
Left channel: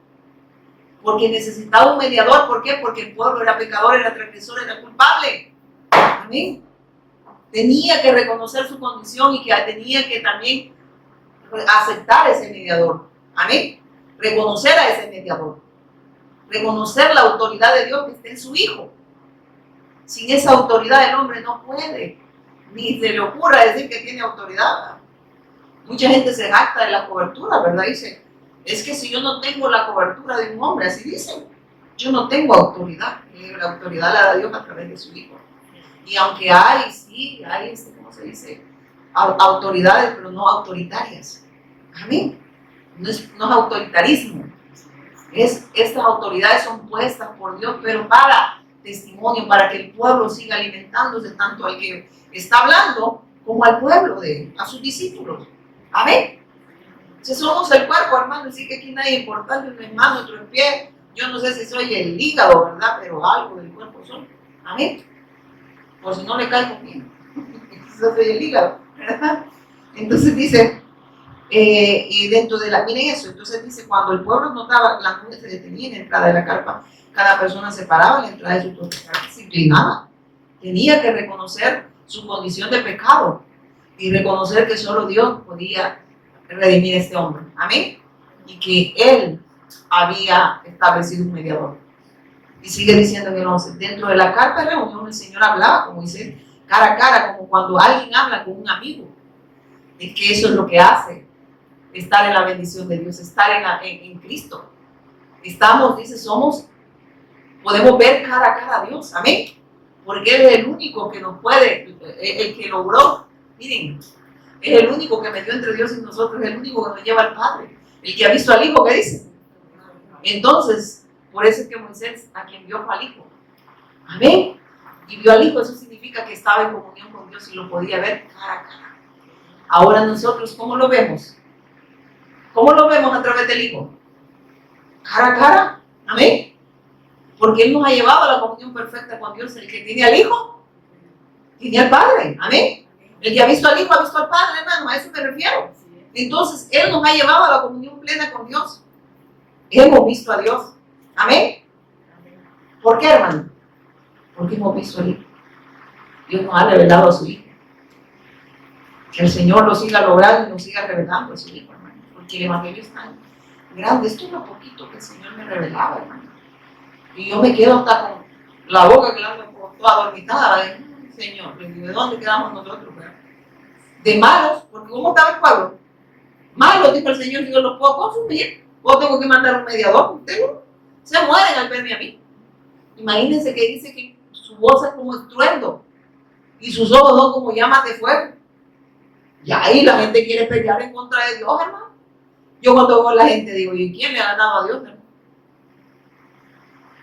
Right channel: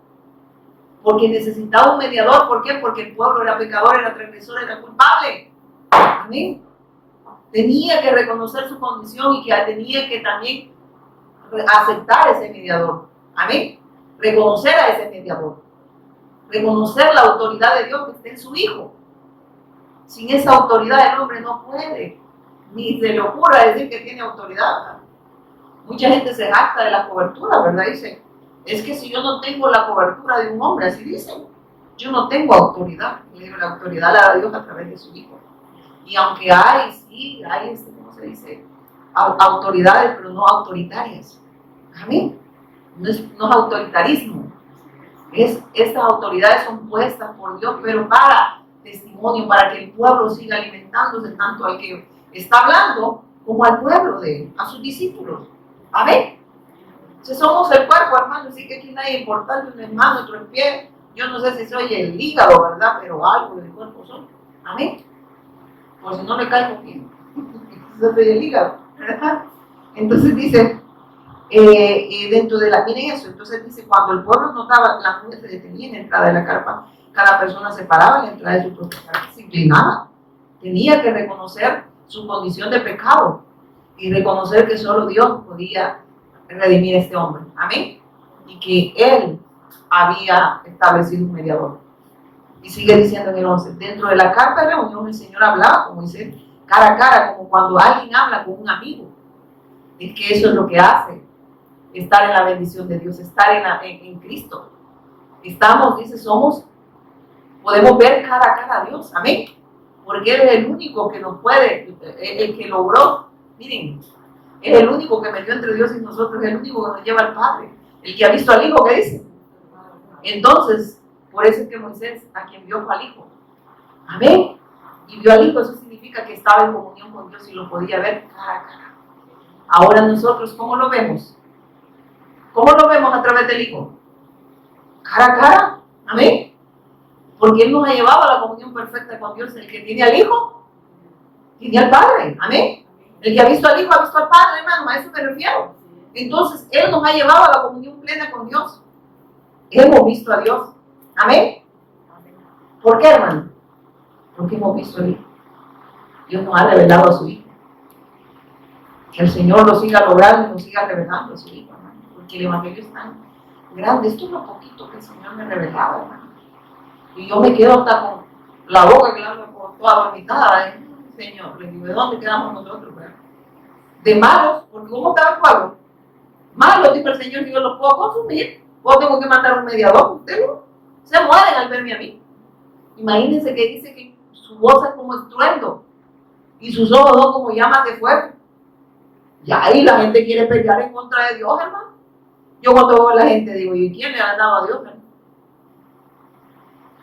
porque necesitaba un mediador. ¿Por qué? Porque el pueblo era pecador, era transgresor, era culpable. Amén. Tenía que reconocer su condición y que tenía que también aceptar ese mediador. Amén. Reconocer a ese mediador. Reconocer la autoridad de Dios que está en su Hijo. Sin esa autoridad el hombre no puede, ni se le ocurra decir que tiene autoridad. Mucha gente se jacta de la cobertura, ¿verdad? Dice, es que si yo no tengo la cobertura de un hombre, así dicen, yo no tengo autoridad. La autoridad la da Dios a través de su Hijo. Y aunque hay, sí, hay, ¿cómo se dice? Autoridades, pero no autoritarias. Amén. No es autoritarismo. Estas autoridades son puestas por Dios, pero para testimonio, para que el pueblo siga alimentándose tanto al que está hablando como al pueblo, a sus discípulos. Amén. Si somos el cuerpo, hermano, así que aquí nadie es importante, un hermano, otro en pie. Yo no sé si soy el hígado, ¿verdad? Pero algo del cuerpo soy. Amén. Por si no le caigo bien. Yo soy el hígado, ¿verdad? Entonces dice, dentro de miren eso, entonces dice, cuando el pueblo notaba, la nube se detenía en la entrada de la carpa, cada persona se paraba en la entrada de su propia carpa, se inclinaba. Tenía que reconocer su condición de pecado y reconocer que solo Dios podía redimir a este hombre. Amén. Y que Él había establecido un mediador. Y sigue diciendo en el 11, dentro de la carpa de reunión el Señor hablaba, como dice, cara a cara, como cuando alguien habla con un amigo. Es que eso es lo que hace estar en la bendición de Dios, estar en Cristo. Estamos, dice, podemos ver cara a cara a Dios. Amén. Porque Él es el único que nos puede, el que logró, miren, es el único que metió entre Dios y nosotros, es el único que nos lleva al Padre, el que ha visto al Hijo, ¿qué dice? Entonces, por eso es que Moisés, a quien vio fue al Hijo. Amén. Y vio al Hijo, eso significa que estaba en comunión con Dios y lo podía ver cara a cara. Ahora nosotros, ¿cómo lo vemos? ¿Cómo lo vemos a través del Hijo? Cara a cara. Amén. Porque Él nos ha llevado a la comunión perfecta con Dios. El que tiene al Hijo, tiene al Padre. Amén. El que ha visto al Hijo, ha visto al Padre, hermano. A eso me refiero. Entonces, Él nos ha llevado a la comunión plena con Dios. Hemos visto a Dios. Amén. ¿Por qué, hermano? Porque hemos visto al Hijo. Dios nos ha revelado a su Hijo. Que el Señor lo siga logrando y nos siga revelando a su Hijo, hermano. Porque el Evangelio es tan grande. Esto es lo poquito que el Señor me revelaba, hermano. Y yo me quedo hasta con la boca quedando toda dormitada. Señor, ¿de dónde quedamos nosotros? ¿Verdad? De malos, porque ¿cómo estaba el pueblo? Malos, dijo el Señor, si yo los puedo consumir, o tengo que mandar un mediador. Ustedes se mueren al verme a mí. Imagínense que dice que su voz es como estruendo y sus ojos son como llamas de fuego. Y ahí la gente quiere pelear en contra de Dios, hermano. Yo cuando veo a la gente digo, ¿y quién le ha dado a Dios, hermano?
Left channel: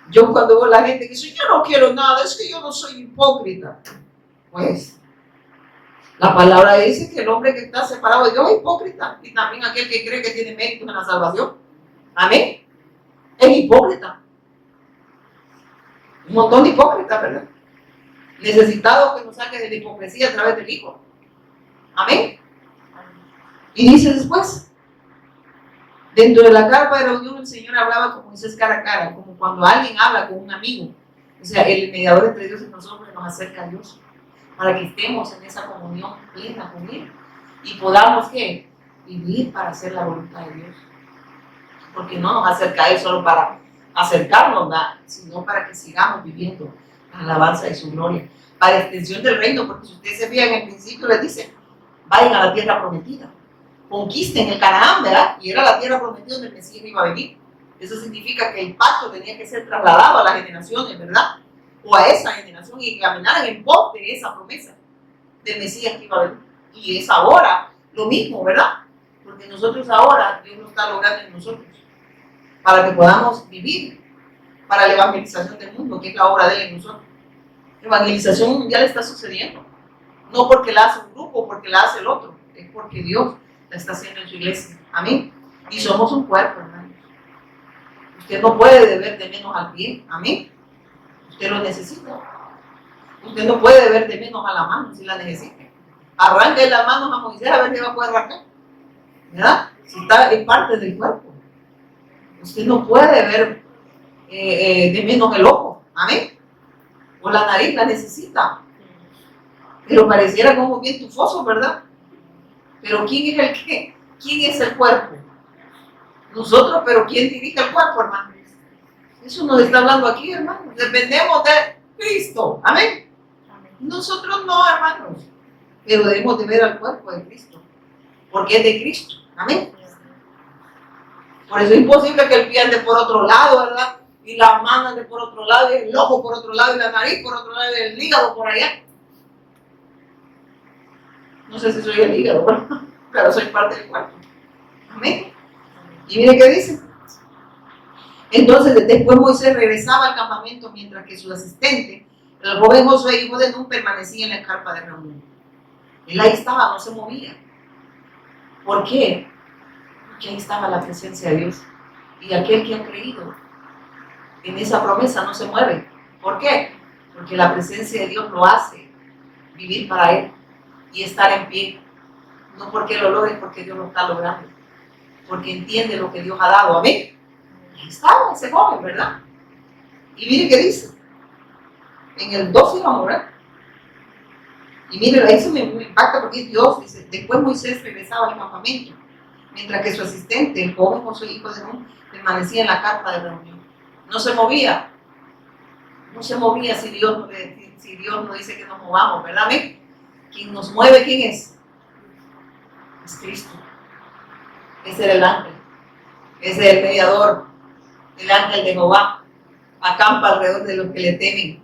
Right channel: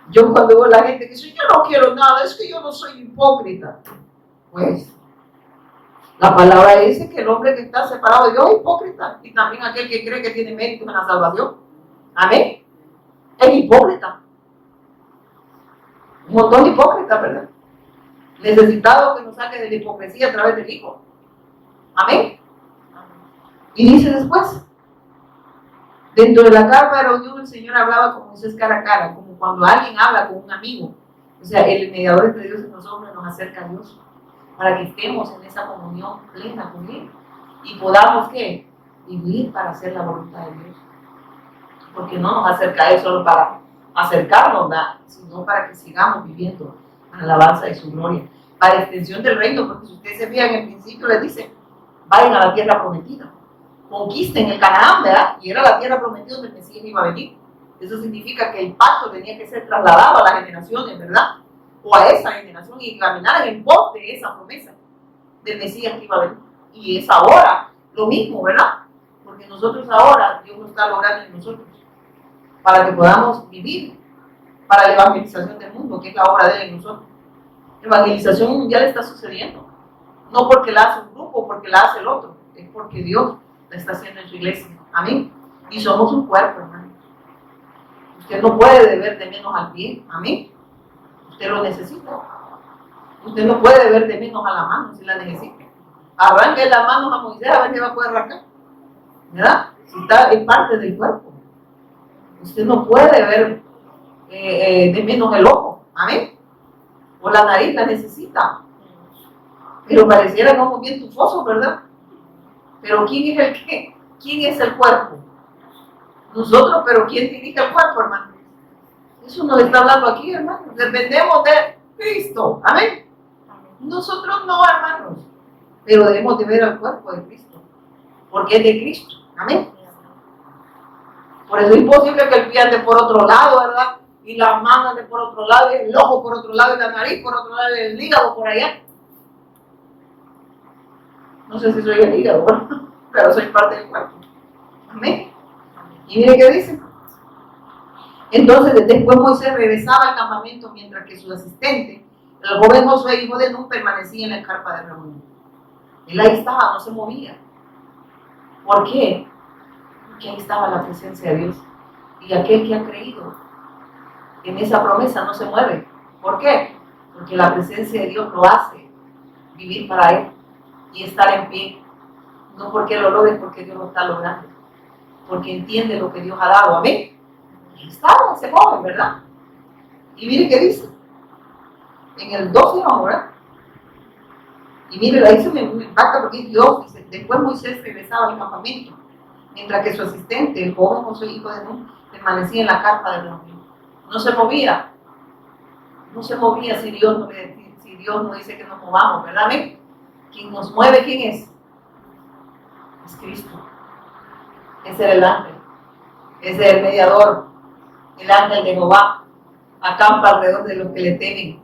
Yo cuando veo a la gente que dice, yo no quiero nada, es que yo no soy hipócrita. Pues, la palabra dice que el hombre que está separado de Dios es hipócrita. Y también aquel que cree que tiene mérito en la salvación. Amén. Es hipócrita. Un montón de hipócritas, ¿verdad? Necesitado que nos saque de la hipocresía a través del Hijo. Amén. Y dice después, dentro de la carpa de reunión el Señor hablaba como Moisés cara a cara, como cuando alguien habla con un amigo. O sea, el mediador entre Dios y nosotros nos acerca a Dios, para que estemos en esa comunión plena con Él y podamos, ¿qué? Vivir para hacer la voluntad de Dios. Porque no nos acerca a Él solo para acercarnos, sino para que sigamos viviendo la alabanza de su gloria, para extensión del reino, porque si ustedes se fijan en el principio les dice, vayan a la tierra prometida, conquisten el Canaán, ¿verdad? Y era la tierra prometida donde el Mesías iba a venir. Eso significa que el pacto tenía que ser trasladado a las generaciones, ¿verdad? O a esa generación y caminar en pos de esa promesa del Mesías que iba a venir. Y es ahora lo mismo, ¿verdad? Porque nosotros ahora, Dios nos está logrando en nosotros, para que podamos vivir para la evangelización del mundo, que es la obra de Él en nosotros. Evangelización mundial está sucediendo. No porque la hace un grupo o porque la hace el otro, es porque Dios la está haciendo en su iglesia. Amén. Y somos un cuerpo, hermanos. Usted no puede deber de menos al pie. Amén. Usted lo necesita. Usted no puede deber de menos a la mano si la necesita. Arranque las manos a Moisés a ver si va a poder arrancar. ¿Verdad? Si está en parte del cuerpo. Usted no puede ver de menos el ojo. Amén. O la nariz la necesita. Pero pareciera como bien tufoso, ¿verdad? Pero ¿quién es el cuerpo? Nosotros, pero ¿quién dirige el cuerpo, hermano? Eso nos está hablando aquí, hermano. Dependemos Cristo. Amén. Nosotros no, hermanos, pero debemos de ver al cuerpo de Cristo, porque es de Cristo. Amén. Por eso es imposible que el pie ande por otro lado, ¿verdad? Y las manos ande por otro lado, y el ojo por otro lado, y la nariz por otro lado, y el hígado por allá. No sé si soy el hígado, ¿verdad? Pero soy parte del cuerpo. Amén. Y mire qué dice. Entonces, después Moisés regresaba al campamento mientras que su asistente, el joven Josué, hijo de Nun, permanecía en la carpa de reunión. Él ahí estaba, no se movía. ¿Por qué? Porque ahí estaba la presencia de Dios. Y aquel que ha creído en esa promesa no se mueve. ¿Por qué? Porque la presencia de Dios lo hace vivir para Él y estar en pie. No porque lo logre, porque Dios lo está logrando. Porque entiende lo que Dios ha dado. Amén. Ahí estaba ese joven, ¿verdad? Y mire qué dice. En el 12 vamos, ¿verdad? Y mire, ahí se me impacta porque Dios dice, después Moisés regresaba al campamento, mientras que su asistente, el joven Josué, hijo de Nun, permanecía en la carpa de reunión. No se movía. No se movía si Dios no dice que nos movamos, ¿verdad? ¿Ven? Quien nos mueve, ¿quién es? Es Cristo. Ese era el ángel. Ese es el mediador. El ángel de Jehová acampa alrededor de los que le temen.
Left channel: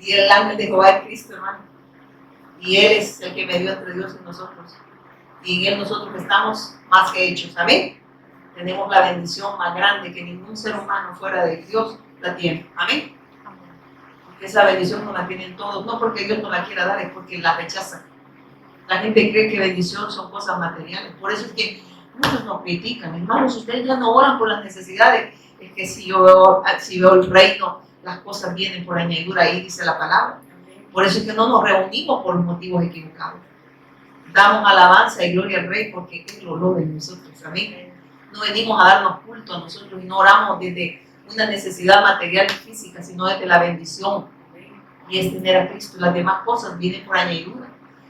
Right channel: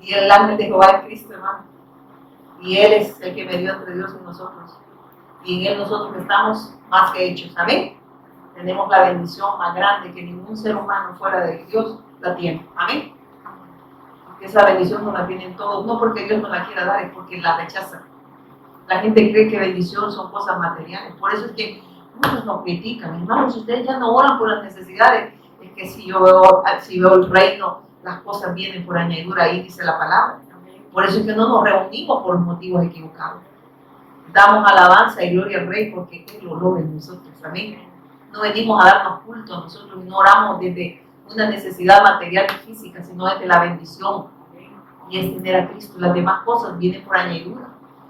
Y el ángel de Jehová es Cristo, hermano. Y Él es el que medió entre Dios y nosotros. Y en Él nosotros estamos más que hechos. Amén. Tenemos la bendición más grande que ningún ser humano fuera de Dios la tiene. Amén. Porque esa bendición no la tienen todos. No porque Dios no la quiera dar, es porque la rechazan. La gente cree que bendición son cosas materiales. Por eso es que muchos nos critican. Hermanos, ustedes ya no oran por las necesidades. Es que si yo veo el reino, las cosas vienen por añadidura, ahí dice la palabra. Por eso es que no nos reunimos por motivos equivocados. Damos alabanza y gloria al Rey porque Él lo logra en nosotros. Amén. No venimos a darnos culto a nosotros y no oramos desde una necesidad material y física, sino desde la bendición. Y es tener a Cristo. Las demás cosas vienen por añadidura.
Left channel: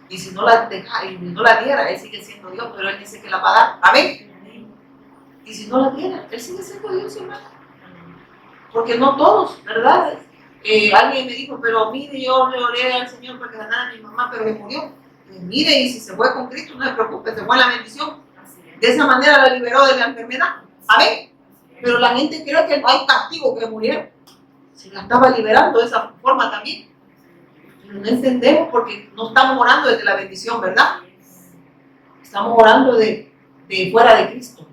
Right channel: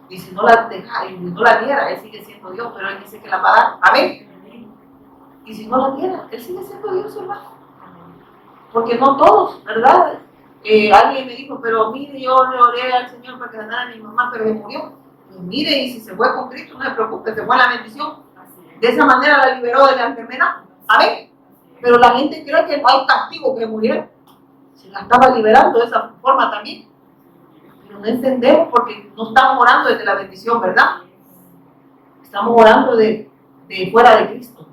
Y si no la deja y no la diera, Él sigue siendo Dios, pero Él dice que la va a dar. Amén. Y si no la diera, Él sigue siendo Dios, hermano. Porque no todos, ¿verdad? Alguien me dijo, pero mire, yo le oré al Señor para que ganara a mi mamá, pero me murió. Pues mire, y si se fue con Cristo, no se preocupe, se fue la bendición. De esa manera la liberó de la enfermedad. Amén. Pero la gente cree que no hay castigo que muriera. Se la estaba liberando de esa forma también. Pero no entendemos porque no estamos orando desde la bendición, ¿verdad? Estamos orando de fuera de Cristo.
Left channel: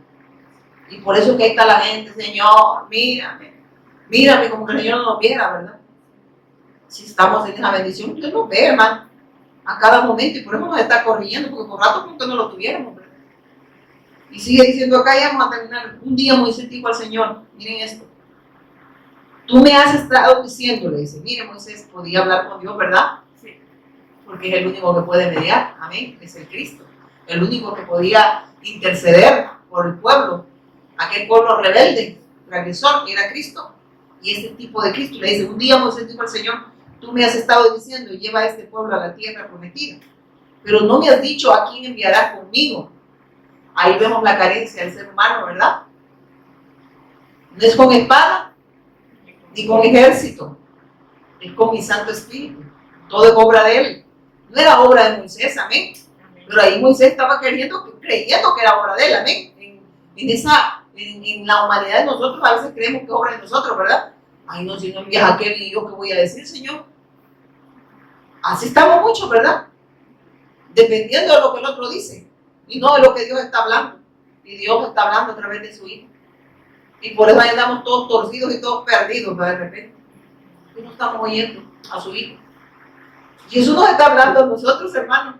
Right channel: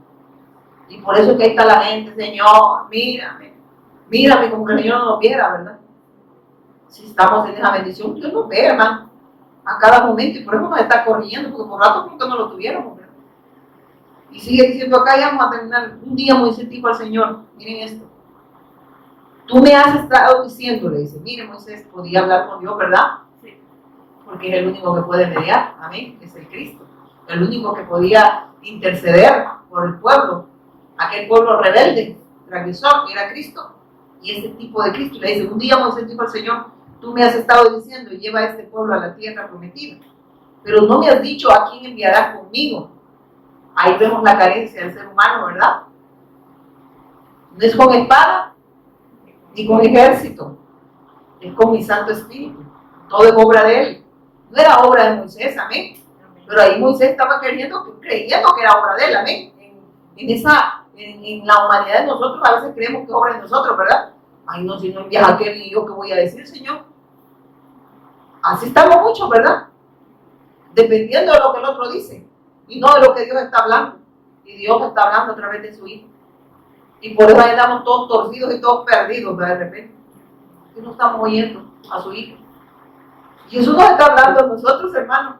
Y por eso que ahí está la gente, Señor, mírame como que el Señor no nos viera, ¿verdad? Si estamos en esa bendición, Dios nos ve, hermano, a cada momento, y por eso nos está corrigiendo, porque por rato nunca no lo tuviéramos, ¿verdad? Y sigue diciendo acá, ya vamos a terminar. Un día Moisés dijo al Señor, miren esto, tú me has estado diciendo, le dice, mire Moisés, podía hablar con Dios, ¿verdad? Sí. Porque es el único que puede mediar, amén, es el Cristo, el único que podía interceder por el pueblo, aquel pueblo rebelde, transgresor, que era Cristo. Y este tipo de Cristo le dice, un día Moisés dijo al Señor, tú me has estado diciendo, lleva a este pueblo a la tierra prometida, pero no me has dicho a quién enviarás conmigo. Ahí vemos la carencia del ser humano, ¿verdad? No es con espada, ni con ejército, es con mi Santo Espíritu. Todo es obra de Él. No era obra de Moisés, amén. Pero ahí Moisés estaba creyendo que era obra de Él, amén. En la humanidad de nosotros a veces creemos que es obra de nosotros, ¿verdad? Ay, no, si no envías a qué y yo qué voy a decir, Señor. Así estamos muchos, ¿verdad? Dependiendo de lo que el otro dice y no de lo que Dios está hablando. Y Dios está hablando a través de su Hijo. Y por eso ahí estamos todos torcidos y todos perdidos, ¿verdad? De repente. Porque no estamos oyendo a su Hijo. Jesús nos está hablando a nosotros, hermanos.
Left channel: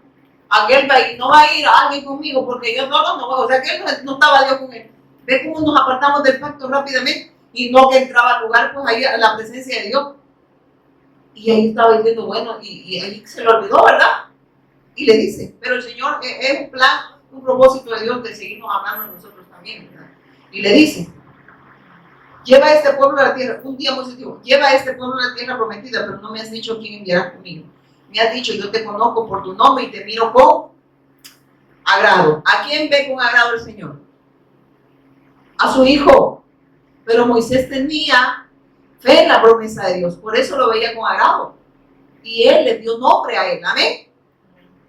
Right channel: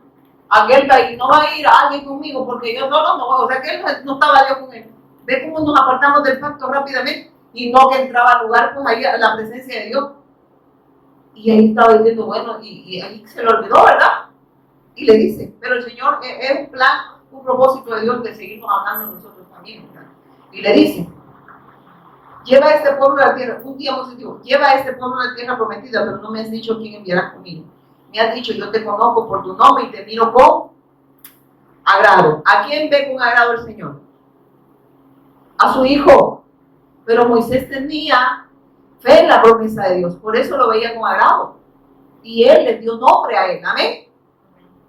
Aquel país no va a ir a alguien conmigo porque yo solo no voy. O sea que él no estaba Dios con él. Ve cómo nos apartamos del pacto rápidamente y no que entraba al lugar, pues ahí a la presencia de Dios. Y ahí estaba diciendo, bueno, y ahí se lo olvidó, ¿verdad? Y le dice, pero el Señor es un plan, un propósito de Dios de seguirnos hablando nosotros también, ¿verdad? Y le dice, lleva a este pueblo a la tierra. Un día Moisés dijo, lleva a este pueblo a la tierra prometida, pero no me has dicho quién enviarás conmigo. Me has dicho, yo te conozco por tu nombre y te miro con agrado. ¿A quién ve con agrado el Señor? A su Hijo. Pero Moisés tenía fe en la promesa de Dios. Por eso lo veía con agrado. Y Él le dio nombre a Él. Amén.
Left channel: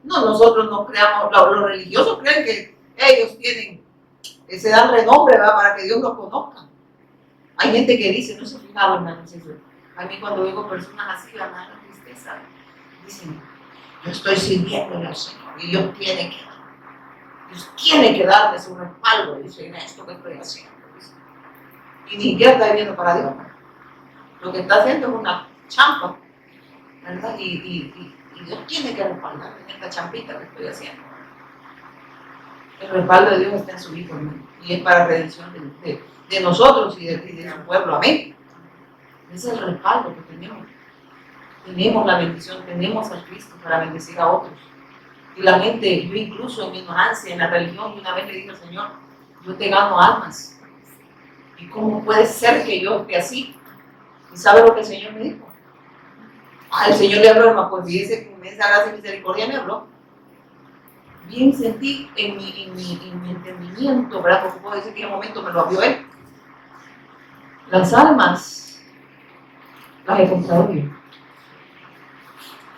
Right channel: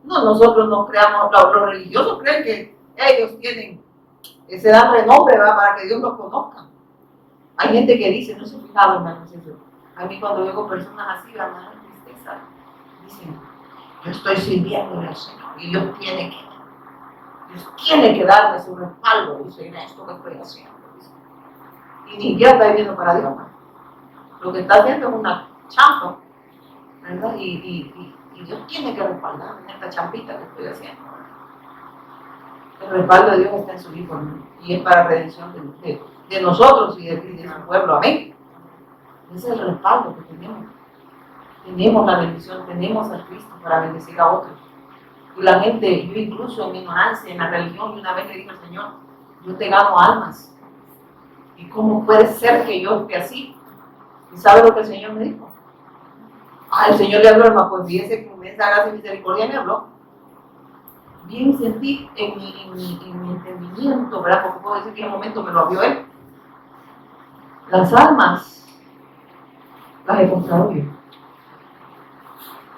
No, nosotros no creamos, los religiosos creen que ellos tienen, se dan renombre, ¿verdad? Para que Dios los conozca. Hay gente que dice, no se fijaron, hermanos, eso. A mí cuando veo personas así, me da tristeza. Dicen, yo estoy sirviéndole al Señor y Dios tiene que darme su respaldo, dice, en esto que estoy haciendo. Dice. Y ni siquiera está viviendo para Dios, ¿no? Lo que está haciendo es una champa, ¿verdad? Y Dios tiene que respaldarme en esta champita que estoy haciendo. El respaldo de Dios está en su Hijo, ¿no? Y es para redención de nosotros y de su pueblo. Amén. Ese es el respaldo que tenemos. Tenemos la bendición, tenemos a Cristo para bendecir a otros. Y la gente, yo incluso en mi ignorancia, en la religión, una vez le dije al Señor, yo te gano almas. ¿Y cómo puede ser que yo esté así? ¿Y sabe lo que el Señor me dijo? El Señor le habló, hermano, pues fíjese que con esa gracia y misericordia me habló. Bien sentí en mi entendimiento, ¿verdad? Porque puedo decir que en un momento me lo abrió Él. Las almas las he comprado yo.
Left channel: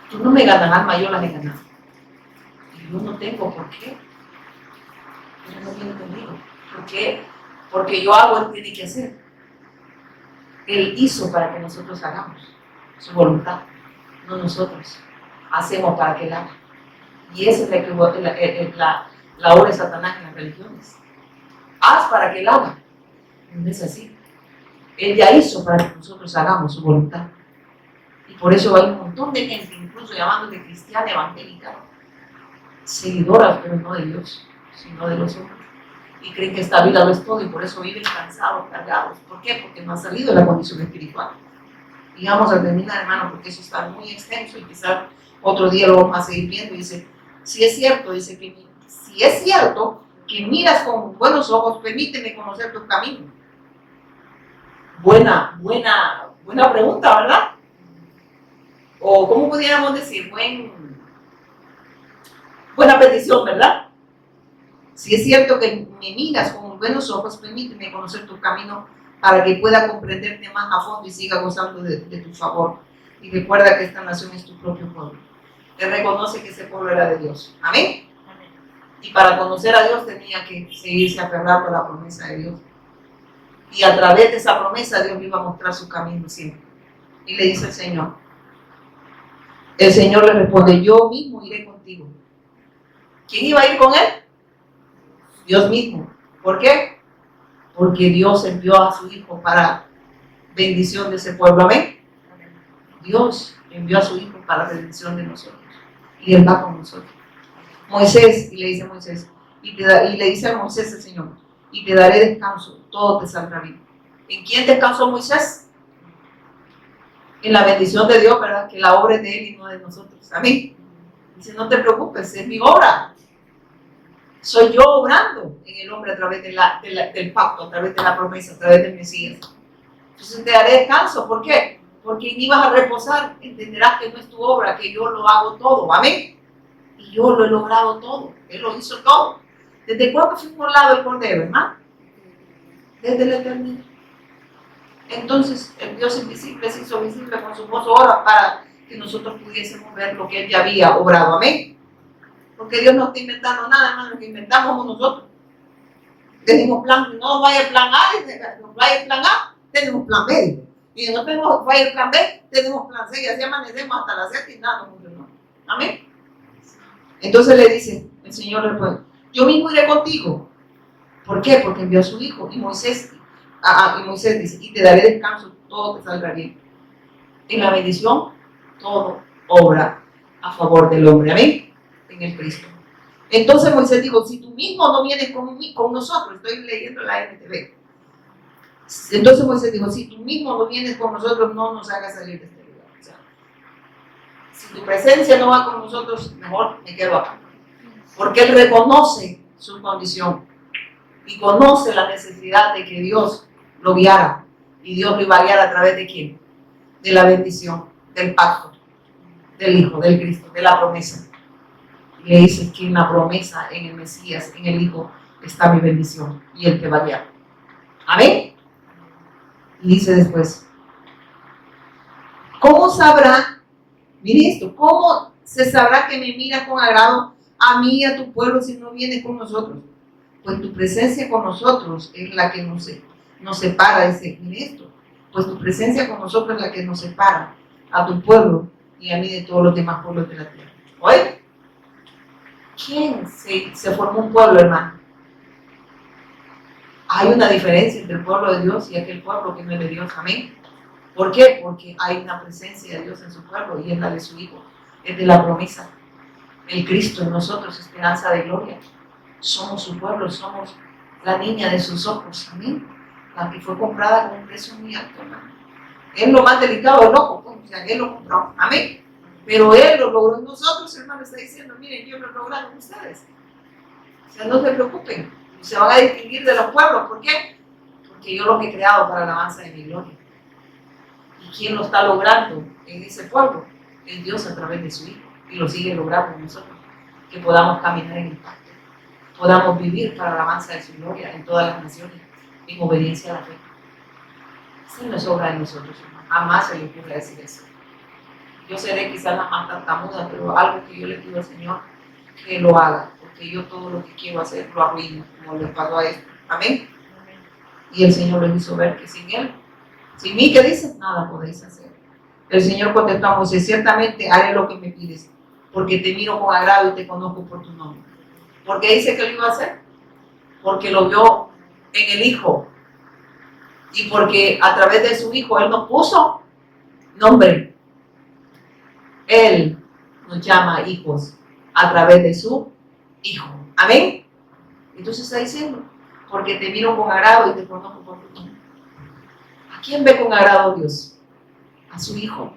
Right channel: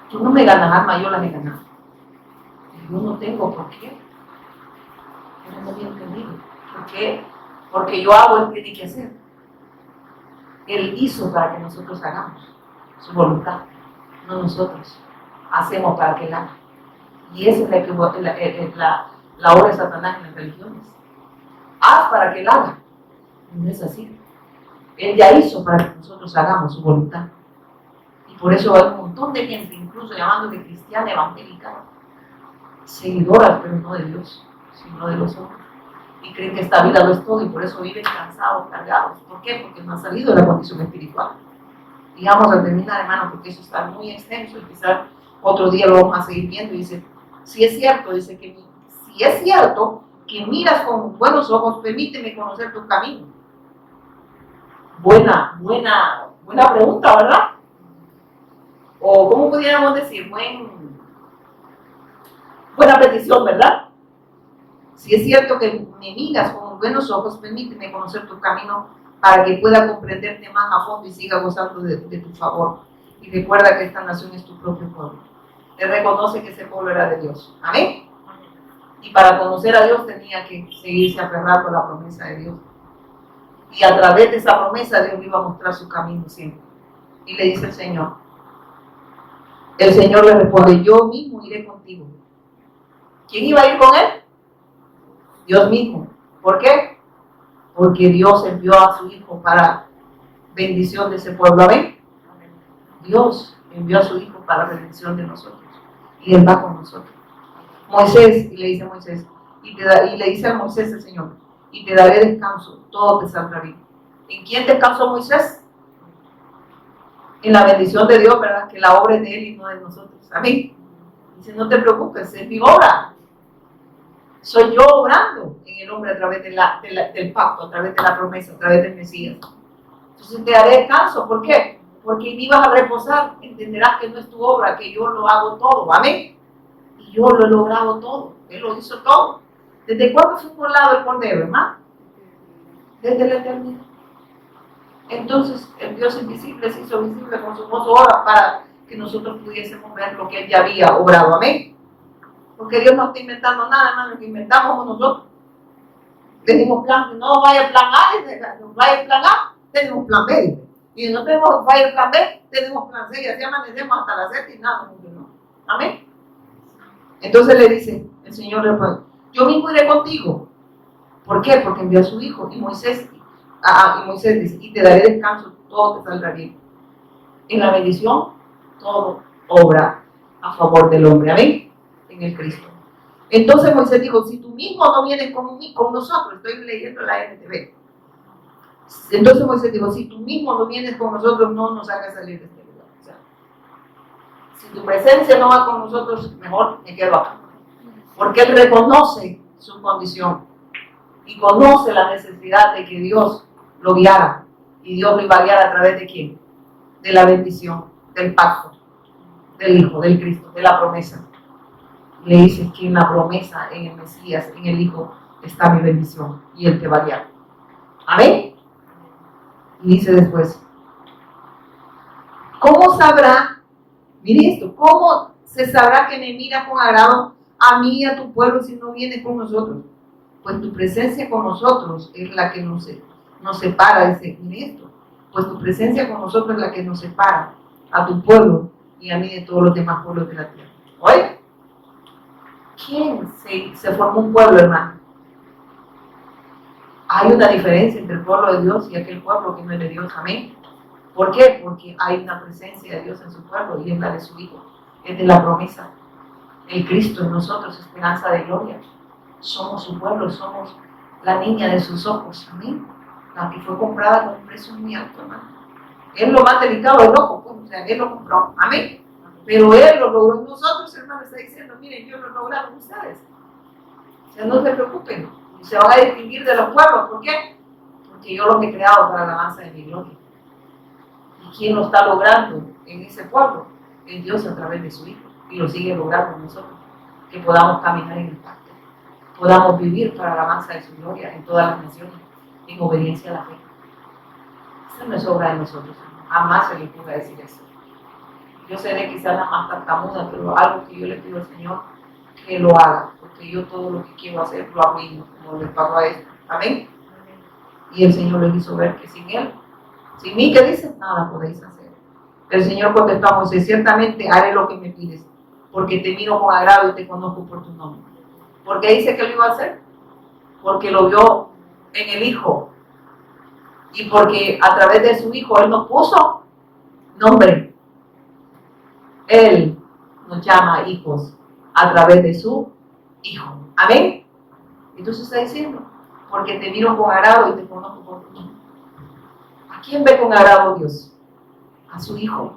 Tú no me ganas alma, yo las he ganado. Y yo no tengo por qué. Pero no bien entendido. ¿Por qué? Porque yo hago, Él tiene que hacer. Él hizo para que nosotros hagamos su voluntad, no nosotros. Hacemos para que Él haga. Y esa es la obra de Satanás en las religiones. Haz para que Él haga. No es así. Él ya hizo para que nosotros hagamos su voluntad. Y por eso hay un montón de gente, incluso llamándose cristiana evangélica, seguidoras, pero no de Dios, sino de los hombres. Y creen que esta vida lo es todo y por eso viven cansados, cargados. ¿Por qué? Porque no han salido de la condición espiritual. Y vamos a terminar, hermano, porque eso está muy extenso y quizás otro día lo vamos a seguir viendo. Y dice, si es cierto, dice que si es cierto que miras con buenos ojos, permíteme conocer tu camino. Buena pregunta, ¿verdad? O ¿cómo pudiéramos decir? Buena petición, ¿verdad? Si es cierto que me miras con buenos ojos, permíteme conocer tu camino para que pueda comprenderte más a fondo y siga gozando de tu favor. Y recuerda que esta nación es tu propio pueblo. Él reconoce que ese pueblo era de Dios. ¿Amén? Y para conocer a Dios tenía que seguirse aferrando a la promesa de Dios. Y a través de esa promesa Dios le iba a mostrar su camino siempre. Y le dice el Señor le responde, yo mismo iré contigo. ¿Quién iba a ir con él? Dios mismo. ¿Por qué? Porque Dios envió a su Hijo para bendición de ese pueblo. ¿Amén? Dios envió a su Hijo para bendición de nosotros. Y Él va con nosotros. Moisés, y le dice a Moisés, y le dice a Moisés el Señor, y te daré descanso, todo te saldrá bien. ¿En quién descansó Moisés? En la bendición de Dios, ¿verdad? Que la obra es de Él y no de nosotros. Amén. Dice, no te preocupes, es mi obra. Soy yo obrando en el hombre a través del pacto, a través de la promesa, a través del Mesías. Entonces te daré descanso. ¿Por qué? Porque ni vas a reposar, entenderás que no es tu obra, que yo lo hago todo. ¿Amén? Y yo lo he logrado todo. Él lo hizo todo. ¿Desde cuándo fue formado el Cordero, hermano? Desde la eternidad. Entonces, el Dios invisible se hizo visible con su hermosa obra para que nosotros pudiésemos ver lo que Él ya había obrado. Amén. Porque Dios no está inventando nada, hermano, lo que inventamos nosotros. Tenemos plan, no vaya plan A, no vaya plan A, tenemos plan B. Y no tenemos vaya plan B, tenemos plan C, y así amanecemos hasta las 7 y nada, no. Amén. Entonces le dice, el Señor responde, yo mismo iré contigo. ¿Por qué? Porque envió a su Hijo. Y Moisés dice, y te daré descanso, todo te saldrá bien. En la bendición, todo obra a favor del hombre. Amén. En el Cristo. Entonces Moisés dijo, si tú mismo no vienes con nosotros, estoy leyendo la NTV. Entonces Moisés dijo, si tú mismo no vienes con nosotros, no nos hagas salir de este lugar. O sea, si tu presencia no va con nosotros, mejor me quedo acá. Porque él reconoce su condición y conoce la necesidad de que Dios lo guiara. Y Dios lo iba a guiar a través de ¿quién? De la bendición, del pacto, del Hijo, del Cristo, de la promesa. Y le dice que en la promesa, en el Mesías, en el Hijo, está mi bendición y Él te va a guiar. Amén. Y dice después, ¿Cómo sabrá? Mire esto, ¿cómo se sabrá que me mira con agrado a mí y a tu pueblo si no viene con nosotros? Pues tu presencia con nosotros es la que nos separa, dice, mire esto, pues tu presencia con nosotros es la que nos separa a tu pueblo y a mí de todos los demás pueblos de la tierra. Oye, ¿quién se formó un pueblo, hermano? Hay una diferencia entre el pueblo de Dios y aquel pueblo que no es de Dios, amén. ¿Por qué? Porque hay una presencia de Dios en su pueblo y es la de su Hijo, es de la promesa. El Cristo en nosotros, esperanza de gloria. Somos su pueblo, somos la niña de sus ojos, amén. La que fue comprada con un precio muy alto, hermano. Es lo más delicado del ojo, pues, o sea, Él lo compró, amén. Pero Él lo logró en nosotros, hermano, está diciendo, miren, yo lo he logrado en ustedes. O sea, no se preocupen, se van a distinguir de los pueblos, ¿por qué? Porque yo los he creado para la alabanza de mi gloria. ¿Y quién lo está logrando en ese pueblo? Es Dios a través de su Hijo, y lo sigue logrando en nosotros, que podamos caminar en el pacto, podamos vivir para la alabanza de su gloria en todas las naciones, en obediencia a la fe. Esa no es obra de nosotros, jamás se le ocurra decir eso. Yo seré quizás la más tartamuda, pero algo que yo le pido al Señor, que lo haga, porque yo todo lo que quiero hacer lo arruino, como le pasó a esto. Amén. Y el Señor les hizo ver que sin Él, sin mí, ¿qué dice? Nada podéis hacer. El Señor contestó a Moisés, ciertamente haré lo que me pides, porque te miro con agrado y te conozco por tu nombre. ¿Por qué dice que lo iba a hacer? Porque lo vio en el Hijo. Y porque a través de su Hijo Él nos puso nombre. Él nos llama hijos a través de su Hijo. Amén. Entonces está diciendo, porque te miro con agrado y te conozco por tu nombre. ¿A quién ve con agrado Dios? A su Hijo.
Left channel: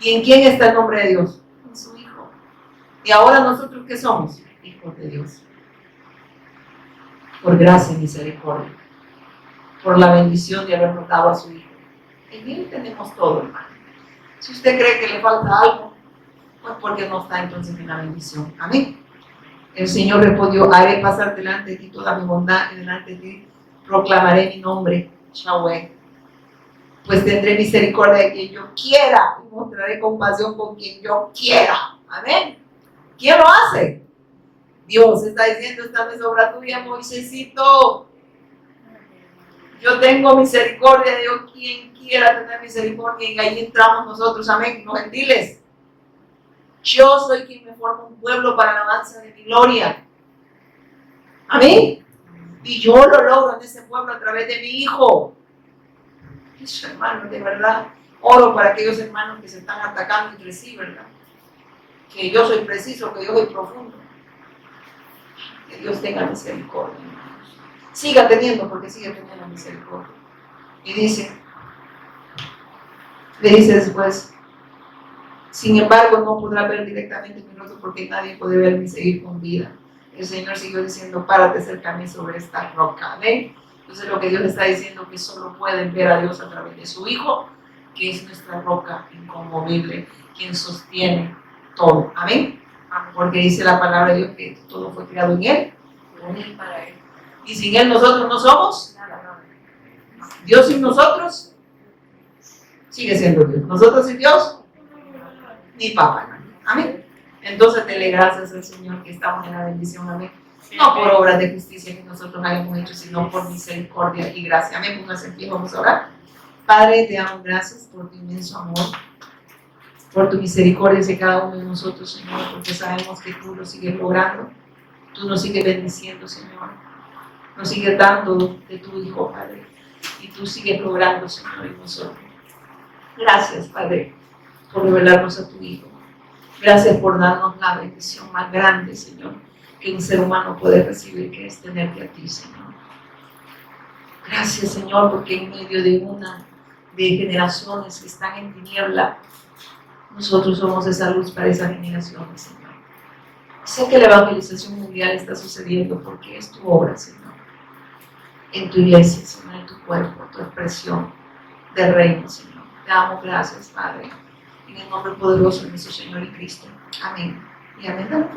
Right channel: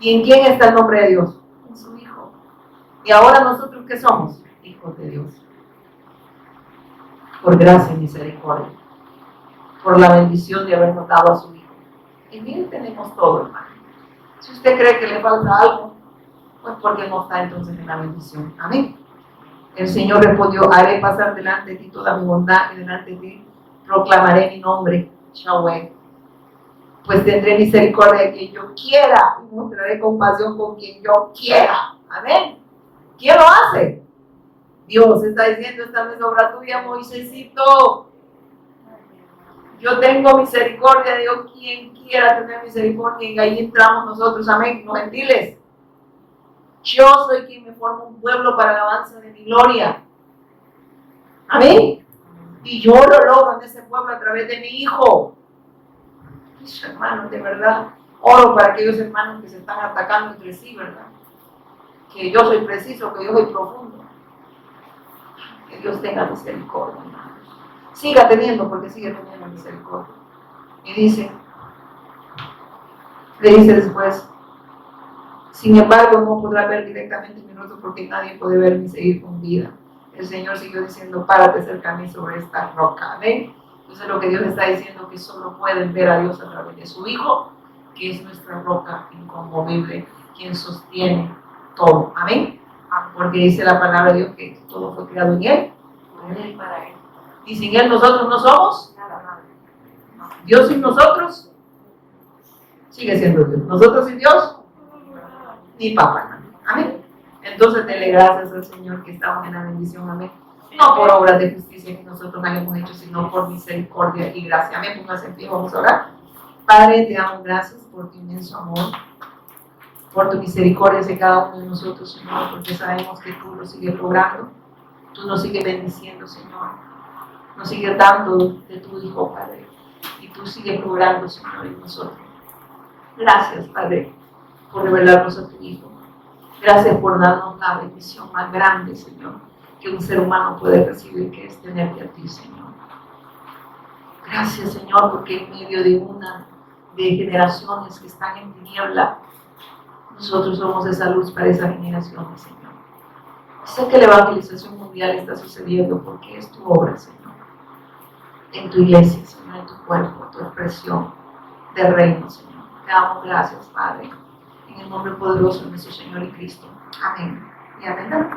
¿Y en quién está el nombre de Dios? En su Hijo. Y ahora nosotros, ¿qué somos? Hijos de Dios. Por gracia y misericordia. Por la bendición de habernos dado a su Hijo. En Él tenemos todo, hermano. Si usted cree que le falta algo, pues porque no está entonces en la bendición. Amén. El Señor respondió, haré pasar delante de ti toda mi bondad y delante de ti proclamaré mi nombre, Yahweh. Pues tendré misericordia de quien yo quiera y mostraré compasión con quien yo quiera. Amén. ¿Quién lo hace? Dios está diciendo, esta no es obra tuya, Moisésito. Yo tengo misericordia de Dios, quien quiera tener misericordia, y ahí entramos nosotros, amén, los gentiles. Yo soy quien me forma un pueblo para la alabanza de mi gloria. Amén. Y yo lo logro en ese pueblo a través de mi Hijo. Eso, hermanos, de verdad, oro para aquellos hermanos que se están atacando entre sí, ¿verdad? Que yo soy preciso, que yo soy profundo. Que Dios tenga misericordia, hermanos. Siga teniendo, porque sigue teniendo misericordia. Y dice, le dice después, sin embargo, no podrá ver directamente mi rostro porque nadie puede verme y seguir con vida. El Señor siguió diciendo, párate cerca a mí sobre esta roca. Amén. Entonces lo que Dios está diciendo es que solo pueden ver a Dios a través de su Hijo, que es nuestra roca inconmovible, quien sostiene todo. Amén. Porque dice la palabra de Dios que todo fue creado en Él, con Él, para Él. Y sin Él nosotros no somos nada. Dios sin nosotros sigue siendo Dios. Nosotros sin Dios, ni papá. Amén. Entonces dele gracias al Señor que estamos en la bendición. Amén. No por obras de justicia que nosotros hayamos hecho, sino por misericordia y gracia. Amén. Pónganse en pie, vamos a orar. Padre, te damos gracias por tu inmenso amor, por tu misericordia hacia cada uno de nosotros, Señor, porque sabemos que tú lo sigues logrando, tú nos sigues bendiciendo, Señor, nos sigues dando de tu Hijo, Padre, y tú sigues logrando, Señor, en nosotros. Gracias, Padre, por revelarnos a tu Hijo. Gracias por darnos la bendición más grande, Señor, que un ser humano puede recibir, que es tenerte a ti, Señor. Gracias, Señor, porque en medio de generaciones que están en tiniebla, nosotros somos esa luz para esas generaciones, Señor. Sé que la evangelización mundial está sucediendo porque es tu obra, Señor. En tu iglesia, Señor, en tu cuerpo, tu expresión de reino, Señor. Te damos gracias, Padre. En el nombre poderoso de nuestro Señor y Cristo. Amén. Y amén.